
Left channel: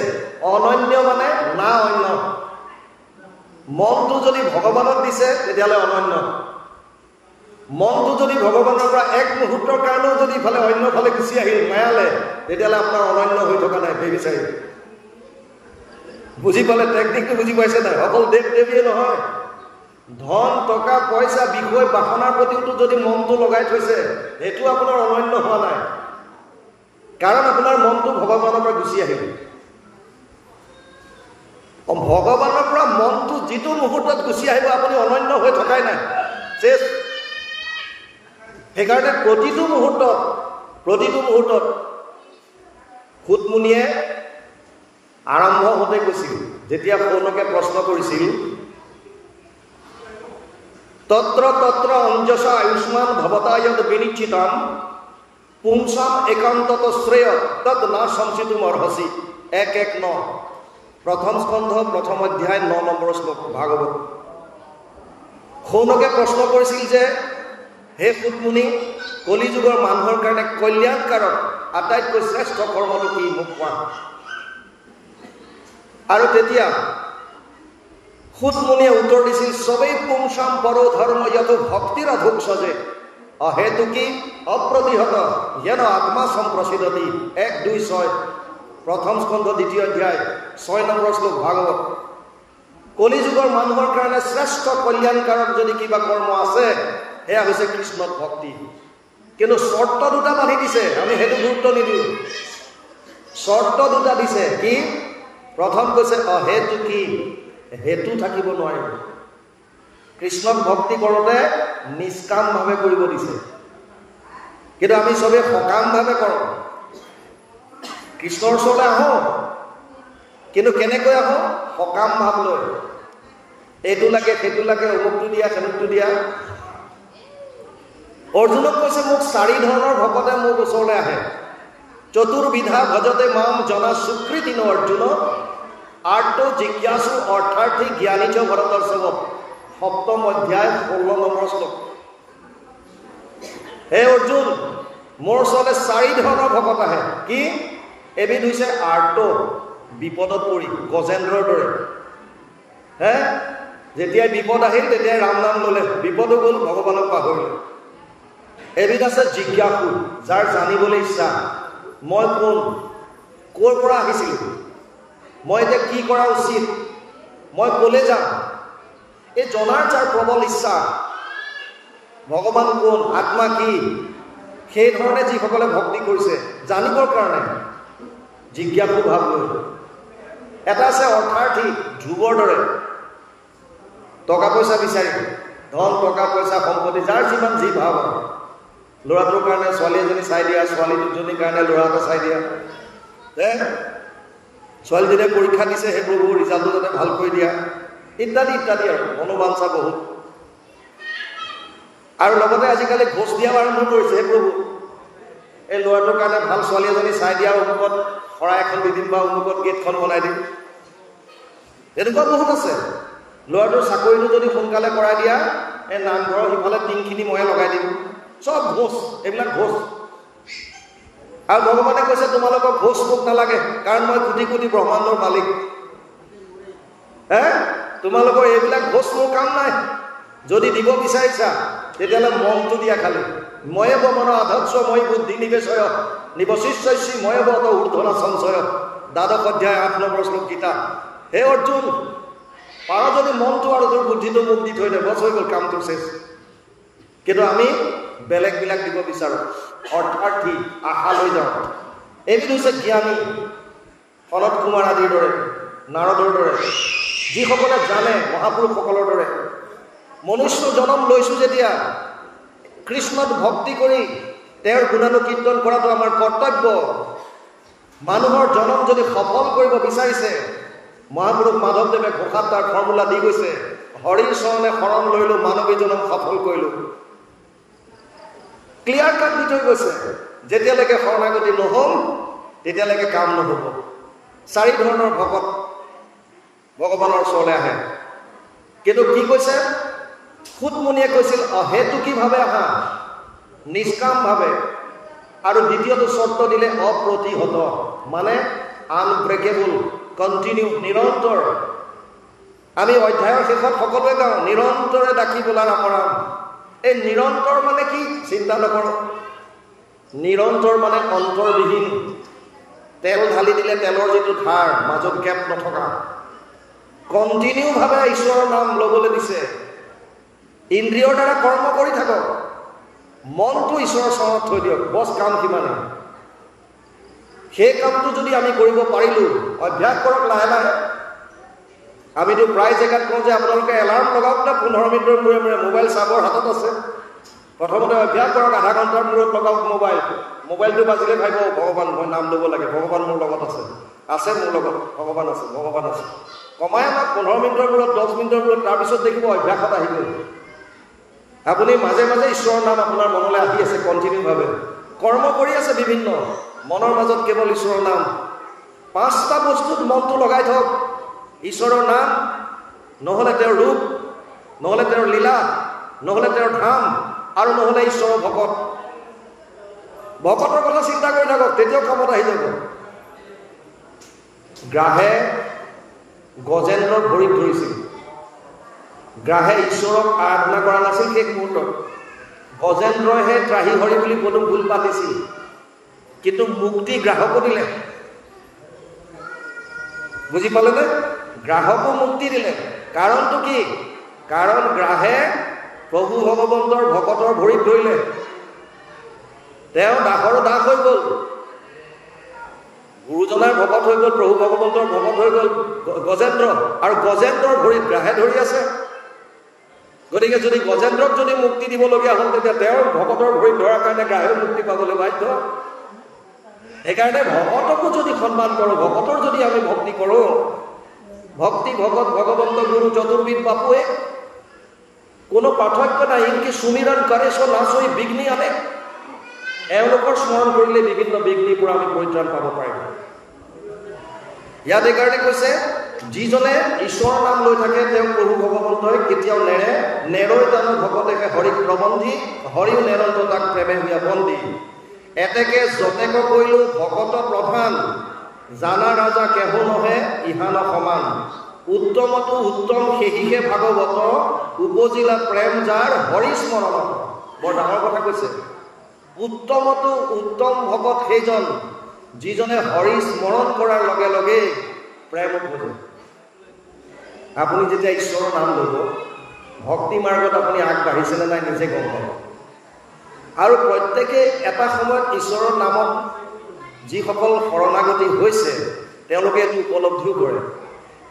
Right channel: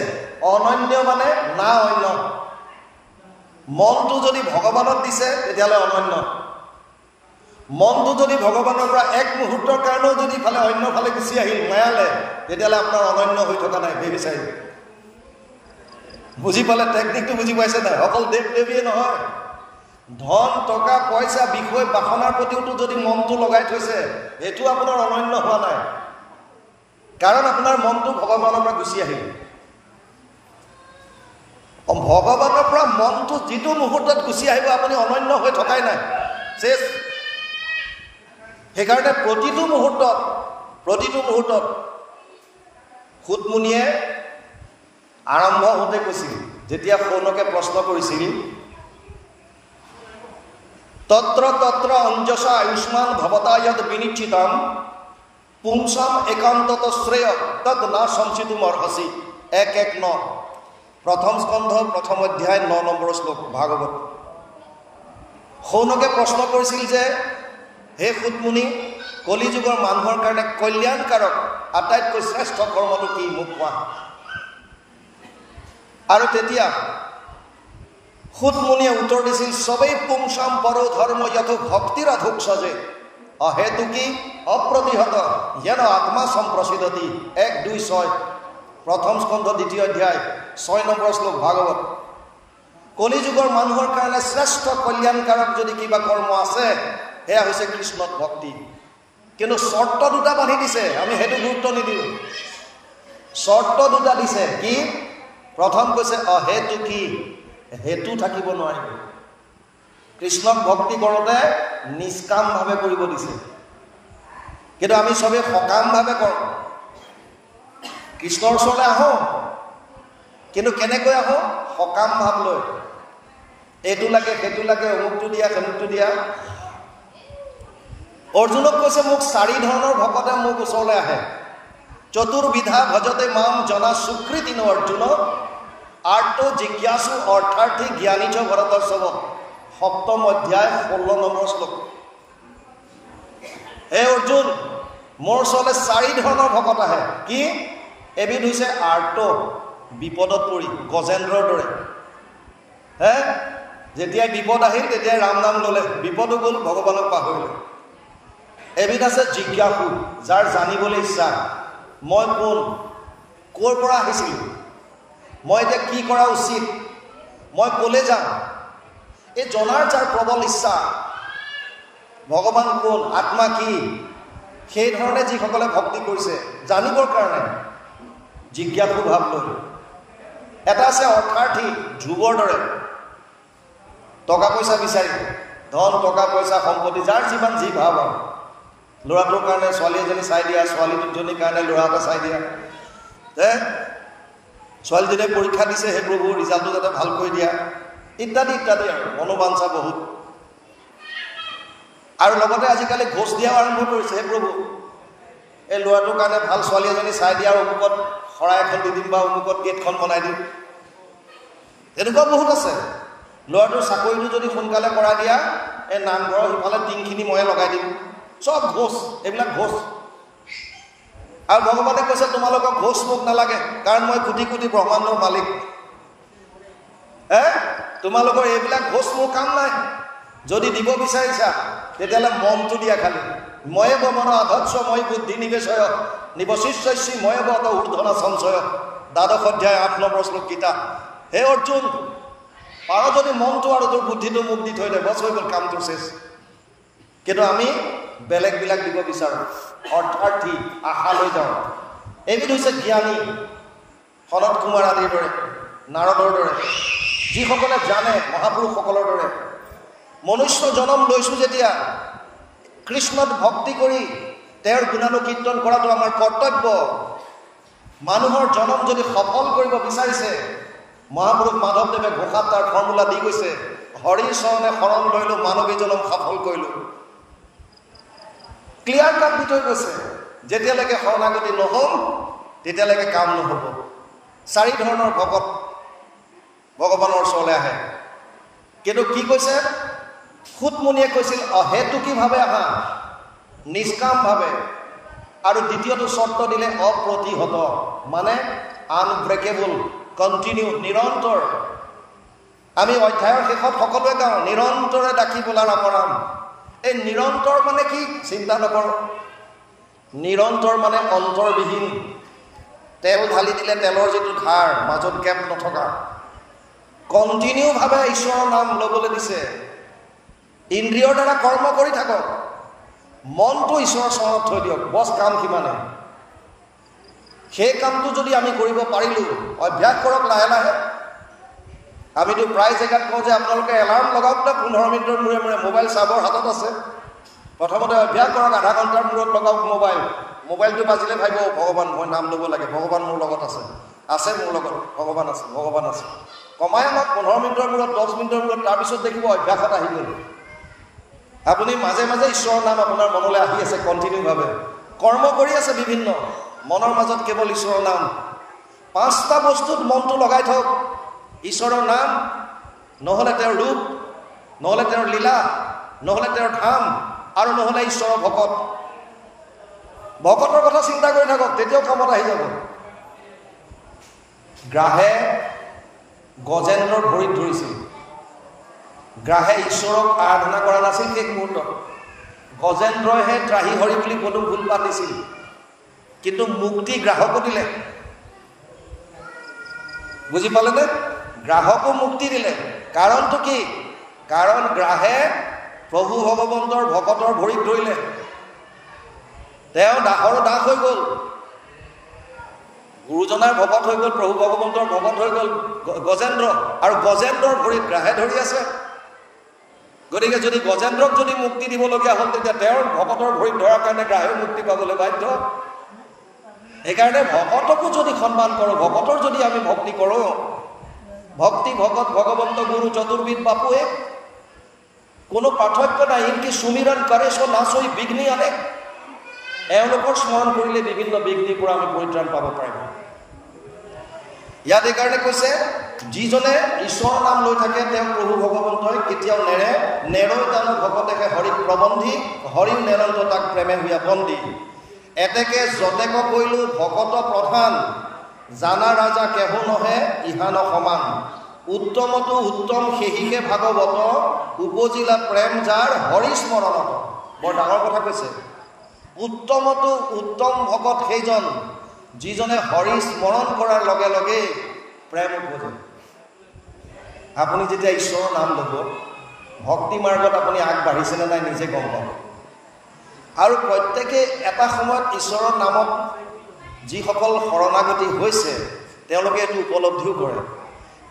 অনন্য মানে না অন্য। মনটো যদি ভগৱানক দিছে তেতিয়াহ'লে অনন্য। মনটো যদি ভগৱানৰ পৰা এক মুহূৰ্তৰ কাৰণেও যদি ইফালে অন্য ফালে গুচি আহিল মায়ালে, তেতিয়াহ'লে আপোনাৰ অনন্য হৈ থকা নাই, বেবিচাৰি। বুজি পালে? টেকনিকটো বুজি পাইছে নাই? অকল দেৱ দেৱীয়ে নহয়, ধন টকা পইচা বিষয় বাসনাৰ প্ৰতিওতো যদি মনটো লগাই থৈছে, সেইটো আপোনাৰ অনন্য হোৱা নাই, কাৰণ আপোনাৰ মনটো ভগৱানৰ পৰা গুচি আহিল। ভগৱানৰ পৰা মনটো যিটো মুহূৰ্তত গুচি আহিব, আপুনি অনন্য হৈ থকাই নাই, শেষ। সেইকাৰণে প্ৰতিটো মুহূৰ্তত সুতমুনিয়ে আৰম্ভ হওঁতে কৈছিল, যেতিয়া শৌনকে প্ৰশ্ন কৰিছিল, তত্ৰ তত্ৰ অঞ্জস আয়ুষ্মান ভৱতায়ত বিনিশ্চিতম পুংসাম একান্তত শ্ৰেয় তদ না সংচিতুম অৰ্হসি। 1:1-9 প্ৰথম স্কন্ধ প্ৰথম অধ্যায় 9 নম্বৰ শ্লোক ভাগৱত। শৌনকে প্ৰশ্ন কৰিছিল যে, হে সুতমুনি, কলিযুগৰ মানুহৰ কাৰণে কল্যাণকাৰক আটাইতকৈ শ্ৰেষ্ঠ কৰ্মটো কি, মোক কোৱা। আৰু তেতিয়া সুতমুনিয়ে উত্তৰ দিছিল, সবেই পুংসাম পৰো ধৰ্ম যত ভক্তিৰ অধুক সজে অহেতুকি অপ্ৰতিহত যেন আত্মা সম্প্ৰসিদ্ধতি। 1:2-6 প্ৰথম স্কন্ধ 2য় অধ্যায় 6 নম্বৰ শ্লোক ভাগৱত। কলিযুগৰ মানুহৰ কাৰণে শ্ৰেষ্ঠ কল্যাণকাৰক যদি কিবা কৰ্ম আছে, সেয়া হৈছে কৃষ্ণত ভক্তি। কিন্তু চৰ্ত দুটা বান্ধি দিছে, আমি সেইটো গুৰুত্ব নিদিওঁ। চৰ্ত দুটা দিছে, কি? প্ৰথম কৈছে অহেতুকি, হেতু থাকিব নোৱাৰিব। কৃষ্ণক ভক্তি কৰোঁতে নিষ্কামভাৱে কৰিব দিছে, কিন্তু আমি চবেই সকামভাৱে কৰোঁ। কৃষ্ণৰ ওচৰলৈ আহোঁ, কিন্তু কেনেকৈ আহোঁ? সকাম ভাৱ লৈ, এইটো লাগে সেইটো লাগে, অমুকটো দিয়া সেনুকটো দিয়া। অৰ্জুনক কৈছে, মোক 4 ধৰণৰ ভকতে মোৰ ওচৰলৈ আহে। চতুৰ্বিধা ভজতে মাম জনা সুকৃতিনো অৰ্জুন আৰ্ত জিজ্ঞাসু অৰ্থাৰ্থী জ্ঞানী চ ভৰতৰ্ষভ। 7ম অধ্যায় 16 নম্বৰ শ্লোক। হে অৰ্জুন, মোৰ ওচৰলৈ 4 ধৰণৰ ভকত আহে। কি? এবিধ হৈছে আৰ্ত, বিপদত পৰি, গজেন্দ্ৰৰ দৰে। যেতিয়াই বিপদ আহিল তেতিয়াই ৰাম নাম ল'লে, বিপদো গ'ল, ভগৱানক পাহৰিলে। এবিধ আছে জিজ্ঞাসু, যাৰ জানিবলৈ ইচ্ছা, মই কোন, ক'ৰ পৰা আহিছিলোঁ, মই এতিয়া কি কৰা উচিত, মই ক'লৈ যাম, এই জনাৰ যাৰ প্ৰবল ইচ্ছা, ভগৱান কোন, আত্মা কি, সেই ধৰণে যিসকলে ভক্তি কৰিছে জানিবৰ কাৰণে, জিজ্ঞাসু ভাৱ লৈ। এটা আছে অৰ্থাৰ্থী, ধ্ৰুৱৰ দৰে, টকা পইচা বিচাৰি, ধন টকা পইচা সম্পত্তি, যাৰ যিমান যি ভাৱ আৰু, ল'ৰাটোৰ কাৰণে ছোৱালী এজনী চাই দিয়া, ছোৱালী দুজনীৰ কাৰণে ল'ৰা এটা চাই দিয়া, ছোৱালীজনীয়ে পৰীক্ষা দিছে, সেই প্ৰভু ৰিজাল্টটো যাতে ভাল কৰি দিয়া, ইত্যাদি ইত্যাদি আৰু মনোবাঞ্ছা বহুত। আৰু লগতে আজিকালি ঘোষ দিয়া আৰম্ভ কৰিছে। হে প্ৰভু, এই ল'ৰাটোৰ কাৰণে ভাল ছোৱালী এজনী চাই দিয়া, অমুকত শৰাই এখন দি দিম বা অমুকত গেটখন বনাই দিম। এনেকুৱা বহুত আছে। ল'ৰাটোৰ চাকৰিটো যদি সোনকালে কৰাই দিয়া, এই নামঘৰৰ সিফালে টিংখিনি ময়ে লগাই দিম। চব ঘোষ, এইবিলাক ঘোষ। আৰু ভগৱানে কৈছে তোমালোকক ঘোষ মোক নালাগে, কাৰণ মই কোটি কোটি ব্ৰহ্মাণ্ডৰ মালিক। তোমালোকৰ এইবিলাক ঘোষ মোৰ কাম নাই। যদি দিব বিচাৰিছা তেতিয়াহ'লে মনটো দিয়া খালি। ময়ে মন আধৎস মই বুদ্ধি নিবেশয় নিবশিষ্যসি ময়ে বত ঊৰ্ধন সঞ্চয়। দ্বাদশ অধ্যায় 8 নম্বৰ শ্লোক গীতা। হে অৰ্জুন, পাৰ যদি মনটো আৰু তোৰ বুদ্ধিটো মোক দি থৈ দে, বছ হৈ গ'ল, কামটো শেষ। কিন্তু আমি বেলেগবিলাক দিব বিচাৰোঁ, অৰ্থাৰ্থী, আশা লৈ যাওঁ। এইবিধ হৈছে জ্ঞানী, সনত কুমাৰ আদিৰ দৰে, নাৰদৰ দৰে, যিসকলে জানে, মহাপুৰুষসকলৰ দৰে। মনুষ্য জনম লৈছোঁ যেতিয়া কৃষ্ণত ভক্তি কৰি তেওঁৰ গুণানুকীৰ্তন কৰাটো আমাৰ কৰ্তব্য। মানুহৰ জনম যদি সফল কৰিব বিচাৰিছে, মহাপুৰুষ মাধৱদেৱে ঘোষাত তাৰ ফৰ্মুলা দি গৈছে, হৰি চৰণে শৰণ লৈলোঁ, মানৱী জনম সফল কৰিলোঁ। ক্লিয়াৰ কাট দি থৈ গৈছে। যেতিয়ালৈকে শৰণাগতি নহ'ম তেতিয়ালৈকে কাম নহ'ব। 4 ধৰণৰ ভকত ভগৱানৰ ওচৰলৈ আহে। কিন্তু কি কৈছে? সুতমুনিয়ে কৈছিল অহেতুকীভাৱে আহা, নিষ্কামভাৱে। আৰু দ্বিতীয়টো চৰ্ত দিলে অপ্ৰতিহত, মানে আনব্ৰেকেবল, কণ্টিনিউ, নিৰন্তৰ। আমি অধ্যায়ৰ শেষত সকলোৱে গাওঁ নিৰন্তৰে ডাকি বোলাৰ অপৰাম। এই নিৰন্তৰ মানে কি? চিন্তা নকৰ। নিৰন্তৰ মানে অন্তৰবিহীন। তেল ঢালি দিলে তেলৰ যিটো ধাৰ, মাজত গেপ নথকা। কণ্টিনিউভাৱে ঈশ্বৰৰ নাম ল'বলৈ দিছে। ইন্দ্ৰিয়ৰ দ্বাৰা কৰ্ম কৰি থাকক, মনটো ঈশ্বৰৰ চৰণত থৈ দিয়ক, বছ, কাম সিমানে। সেই কামটো যদি আমি কৰিব পাৰিলোঁ, অভ্যাস কৰক লাহে লাহে। আমিতো প্ৰায় জেগাত কওঁ যে আপোনালোকে এলাৰ্ম লগাওক নে 15 মিনিটৰ মূৰে মূৰে। মোবাইল চাবৰ হাতত আছে। প্ৰথমতে অভ্যাস কৰক, আধা ঘণ্টাৰ মূৰত লগাওক মোবাইল। মোবাইলটো বাজিলে ভাবিব ভগৱান, মই নাম ল'ব লাগে, ভগৱান মোৰ লগত আছে, আছে মোৰ লগত, ভগৱান আছে, ভগৱান আছে। কমাই আমাক 15 মিনিটৰ মূৰত, 10 মিনিটৰ মূৰত, তাৰপিছত দেখিব অভ্যাসত আহি গ'ল। আপুনি মাজে মাজে ঈশ্বৰৰ নাম আপোনাৰ মনলৈ আহি আছে, কণ্টিনিউভাৱে কৰ্ম কৰি আছে বিভিন্ন, মনৰ মাজত কেৱল ঈশ্বৰৰ নাম। 5টা বস্তুত মনটো লগাই থওক। ঈশ্বৰৰ নাম, নহ'লে তেওঁৰ ৰূপ, নহ'লে তেওঁৰ লীলা, নহ'লে তেওঁৰ ধাম, আৰু নহ'লে ঈশ্বৰৰ ভকত। ভকতৰ কথা চিন্তা কৰি থাকক, তেতিয়াও কামত আহি যাব। গ্ৰাহে গজেন্দ্ৰৰ ভৰিত ধৰিছিল। গ্ৰাহে ঈশ্বৰক আৰাধনা কৰা নাছিল শেষ মুহূৰ্তত। গজেন্দ্ৰইহে ত্ৰাহি হৰি বুলি পদুম ফুল পাতিছিল, কিন্তু মুক্তি গ্ৰাহকো দিলে। বুজি পালেনে? গ্ৰাহকো মুক্তি দিলে। কাৰণটো কি? কাৰণ গ্ৰাহে প্ৰভু ভগৱন্তৰ ভকতৰ ভৰিত ধৰিলে। তেওঁ দাসৰো দাস হৈ গ'ল, গুৰুজনাৰ ভকত হৈ গ'ল, প্ৰভু ভগৱন্তৰ ভকত হৈ গ'ল গজেন্দ্ৰ। আৰু গজেন্দ্ৰৰ ভৰিত গ্ৰাহে ধৰি আছে। গতিকে যদি গজেন্দ্ৰক যদি মুক্তি দিবলগীয়া হ'ল, তেতিয়া তেওঁৰ ভকতৰ ভৰিত ধৰাৰ কাৰণে গ্ৰাহেও মুক্তি পাবলৈ বাধ্য। সেইকাৰণে ভকতকো যদি সন্মান কৰোঁ, ভকতৰ যদি আমি ভক্তি কৰোঁ, ভক্তি ভগত ভগৱন্ত গুৰু চতুৰ্বিদ বাপুৱে কোনো পাৰ্থক্য নাই। ইনকি সুমিৰণ কৰে চ নাচই বিঘ্নি আনে। এওঁলোকৰ স্মৰণ কৰিলে বিভিন্ন বিঘ্নিৰ পৰা আমি পৰিত্ৰাণ পাব পাৰিম। ইয়াত এইকাৰণে কৈছে, যিজনে ঈশ্বৰৰ নাম লৈ থাকে তেওঁ প্ৰভু ভগৱন্তই কেতিয়াও নেৰে। নেৰৈ জানো ভকতেকে হৰিক প্ৰবন্ধি, হৰিও নেৰন্ত তাক প্ৰেমে হুয়া বন্দী। এতেকে যতেক কৰিলোঁ ভকত প্ৰধান, জানা ৰাজা কেহু নহে ইহান সমান। উত্তমতো উত্তম সেহিকে ভাগৱত, উপজিলা প্ৰেম যাৰ হৰি স্মৰণ। বৰ ডাঙৰ কথা কৈছে। উত্তমতো উত্তম ভকত সেইজন, যিজনে হৰি স্মৰণ কৰাৰ লগে লগে প্ৰেম উপজে। আপুনি যেতিয়া ঈশ্বৰৰ নাম ল'ব, ভক্তি মাৰ্গত আপুনি আগবাঢ়িছেনে নাই নিজে গম পাব। আৰু প্ৰত্যেকে এটা সময়ত ঈশ্বৰৰ নামত যিসকল শৰণাগতি হৈছে তেওঁলোকে এইটো উপলব্ধিও কৰে।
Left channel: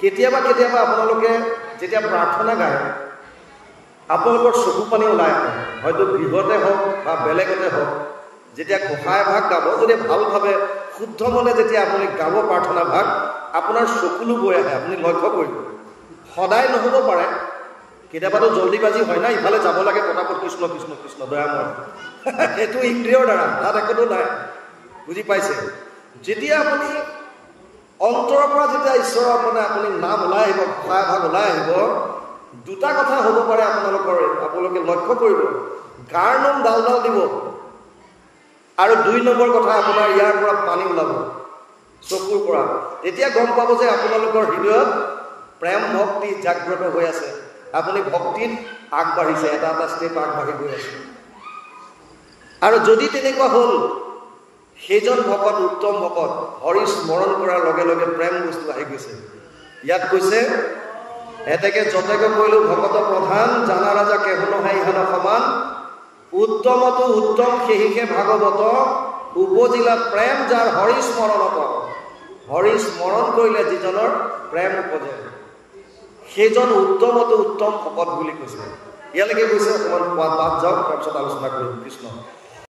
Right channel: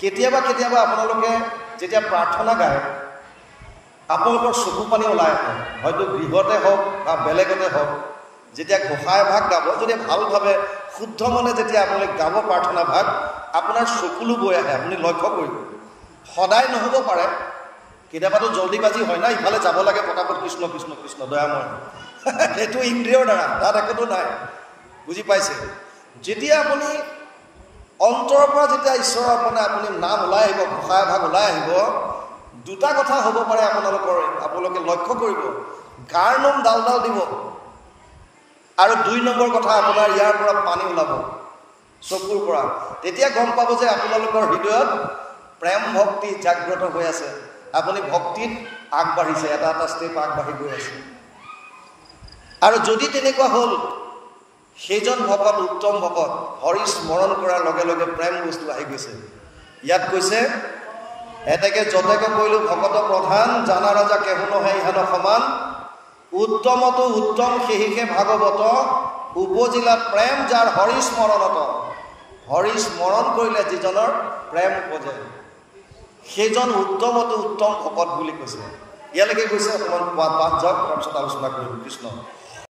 কেতিয়াবা কেতিয়াবা আপোনালোকে যেতিয়া প্ৰাৰ্থনা গায়, আপোনালোকৰ চকু পানী ওলাই আহে। হয়তো গৃহতে হওক বা বেলেগতে হওক, যেতিয়া ঘোষাই ভাগ গাব, যদি ভালভাৱে শুদ্ধ মনে যেতিয়া আপুনি গাব প্ৰাৰ্থনা ভাগ, আপোনাৰ চকুলো বৈ আহে। আপুনি লক্ষ্য কৰিব, সদায় নহ'ব পাৰে, কেতিয়াবাতো জলদিবাজি হয় না, ইফালে যাব লাগে পটাপট কৃষ্ণ কৃষ্ণ কৃষ্ণ দয়াময়, সেইটো ইন্দ্ৰিয়ৰ দ্বাৰা, তাত একোতো নাই। বুজি পাইছে? যেতিয়া আপুনি অন্তৰৰ পৰা যেতিয়া ঈশ্বৰৰ আপুনি নাম ওলাই আহিব, ভাষা ভাৱ ওলাই আহিব, দুটা কথা হ'ব পাৰে আপোনালোকে লক্ষ্য কৰিব। গাৰ নোম ডাল ডাল দিব, আৰু 2 নম্বৰ কথা আপোনাৰ ইয়াৰ পৰা পানী ওলাব চকুৰ পৰা। তেতিয়া গম পাব যে আপোনালোকৰ হৃদয়ত প্ৰেম ভক্তি জাগ্ৰত হৈ আছে, আপুনি ভক্তিত আগবাঢ়িছে, এটা এটা ষ্টেপ আগবাঢ়ি গৈ আছে। আৰু যদি তেনেকুৱা হ'ল, সেইজন ভকত উত্তম ভকত, হৰি স্মৰণ কৰাৰ লগে লগে প্ৰেম বস্তু আহি গৈছে। ইয়াত কৈছে, এতেকে যতেকে কৈলো ভকত প্ৰধান, জানা ৰাজা কেহু নহয় ইহেন সমান, উত্তমতো উত্তম সেহিকে ভাগৱত, উপজিলা প্ৰেম যাৰ হৰি স্মৰণত। হৰি স্মৰণ কৰিলে যিজনৰ প্ৰেম উপজে, সেইজন উত্তমতো উত্তম ভকত বুলি কৈছে। ইয়ালৈকে কৈছে, অকণমান পাঠ যাওক, তাৰপিছত আলোচনা কৰিম কৃষ্ণ।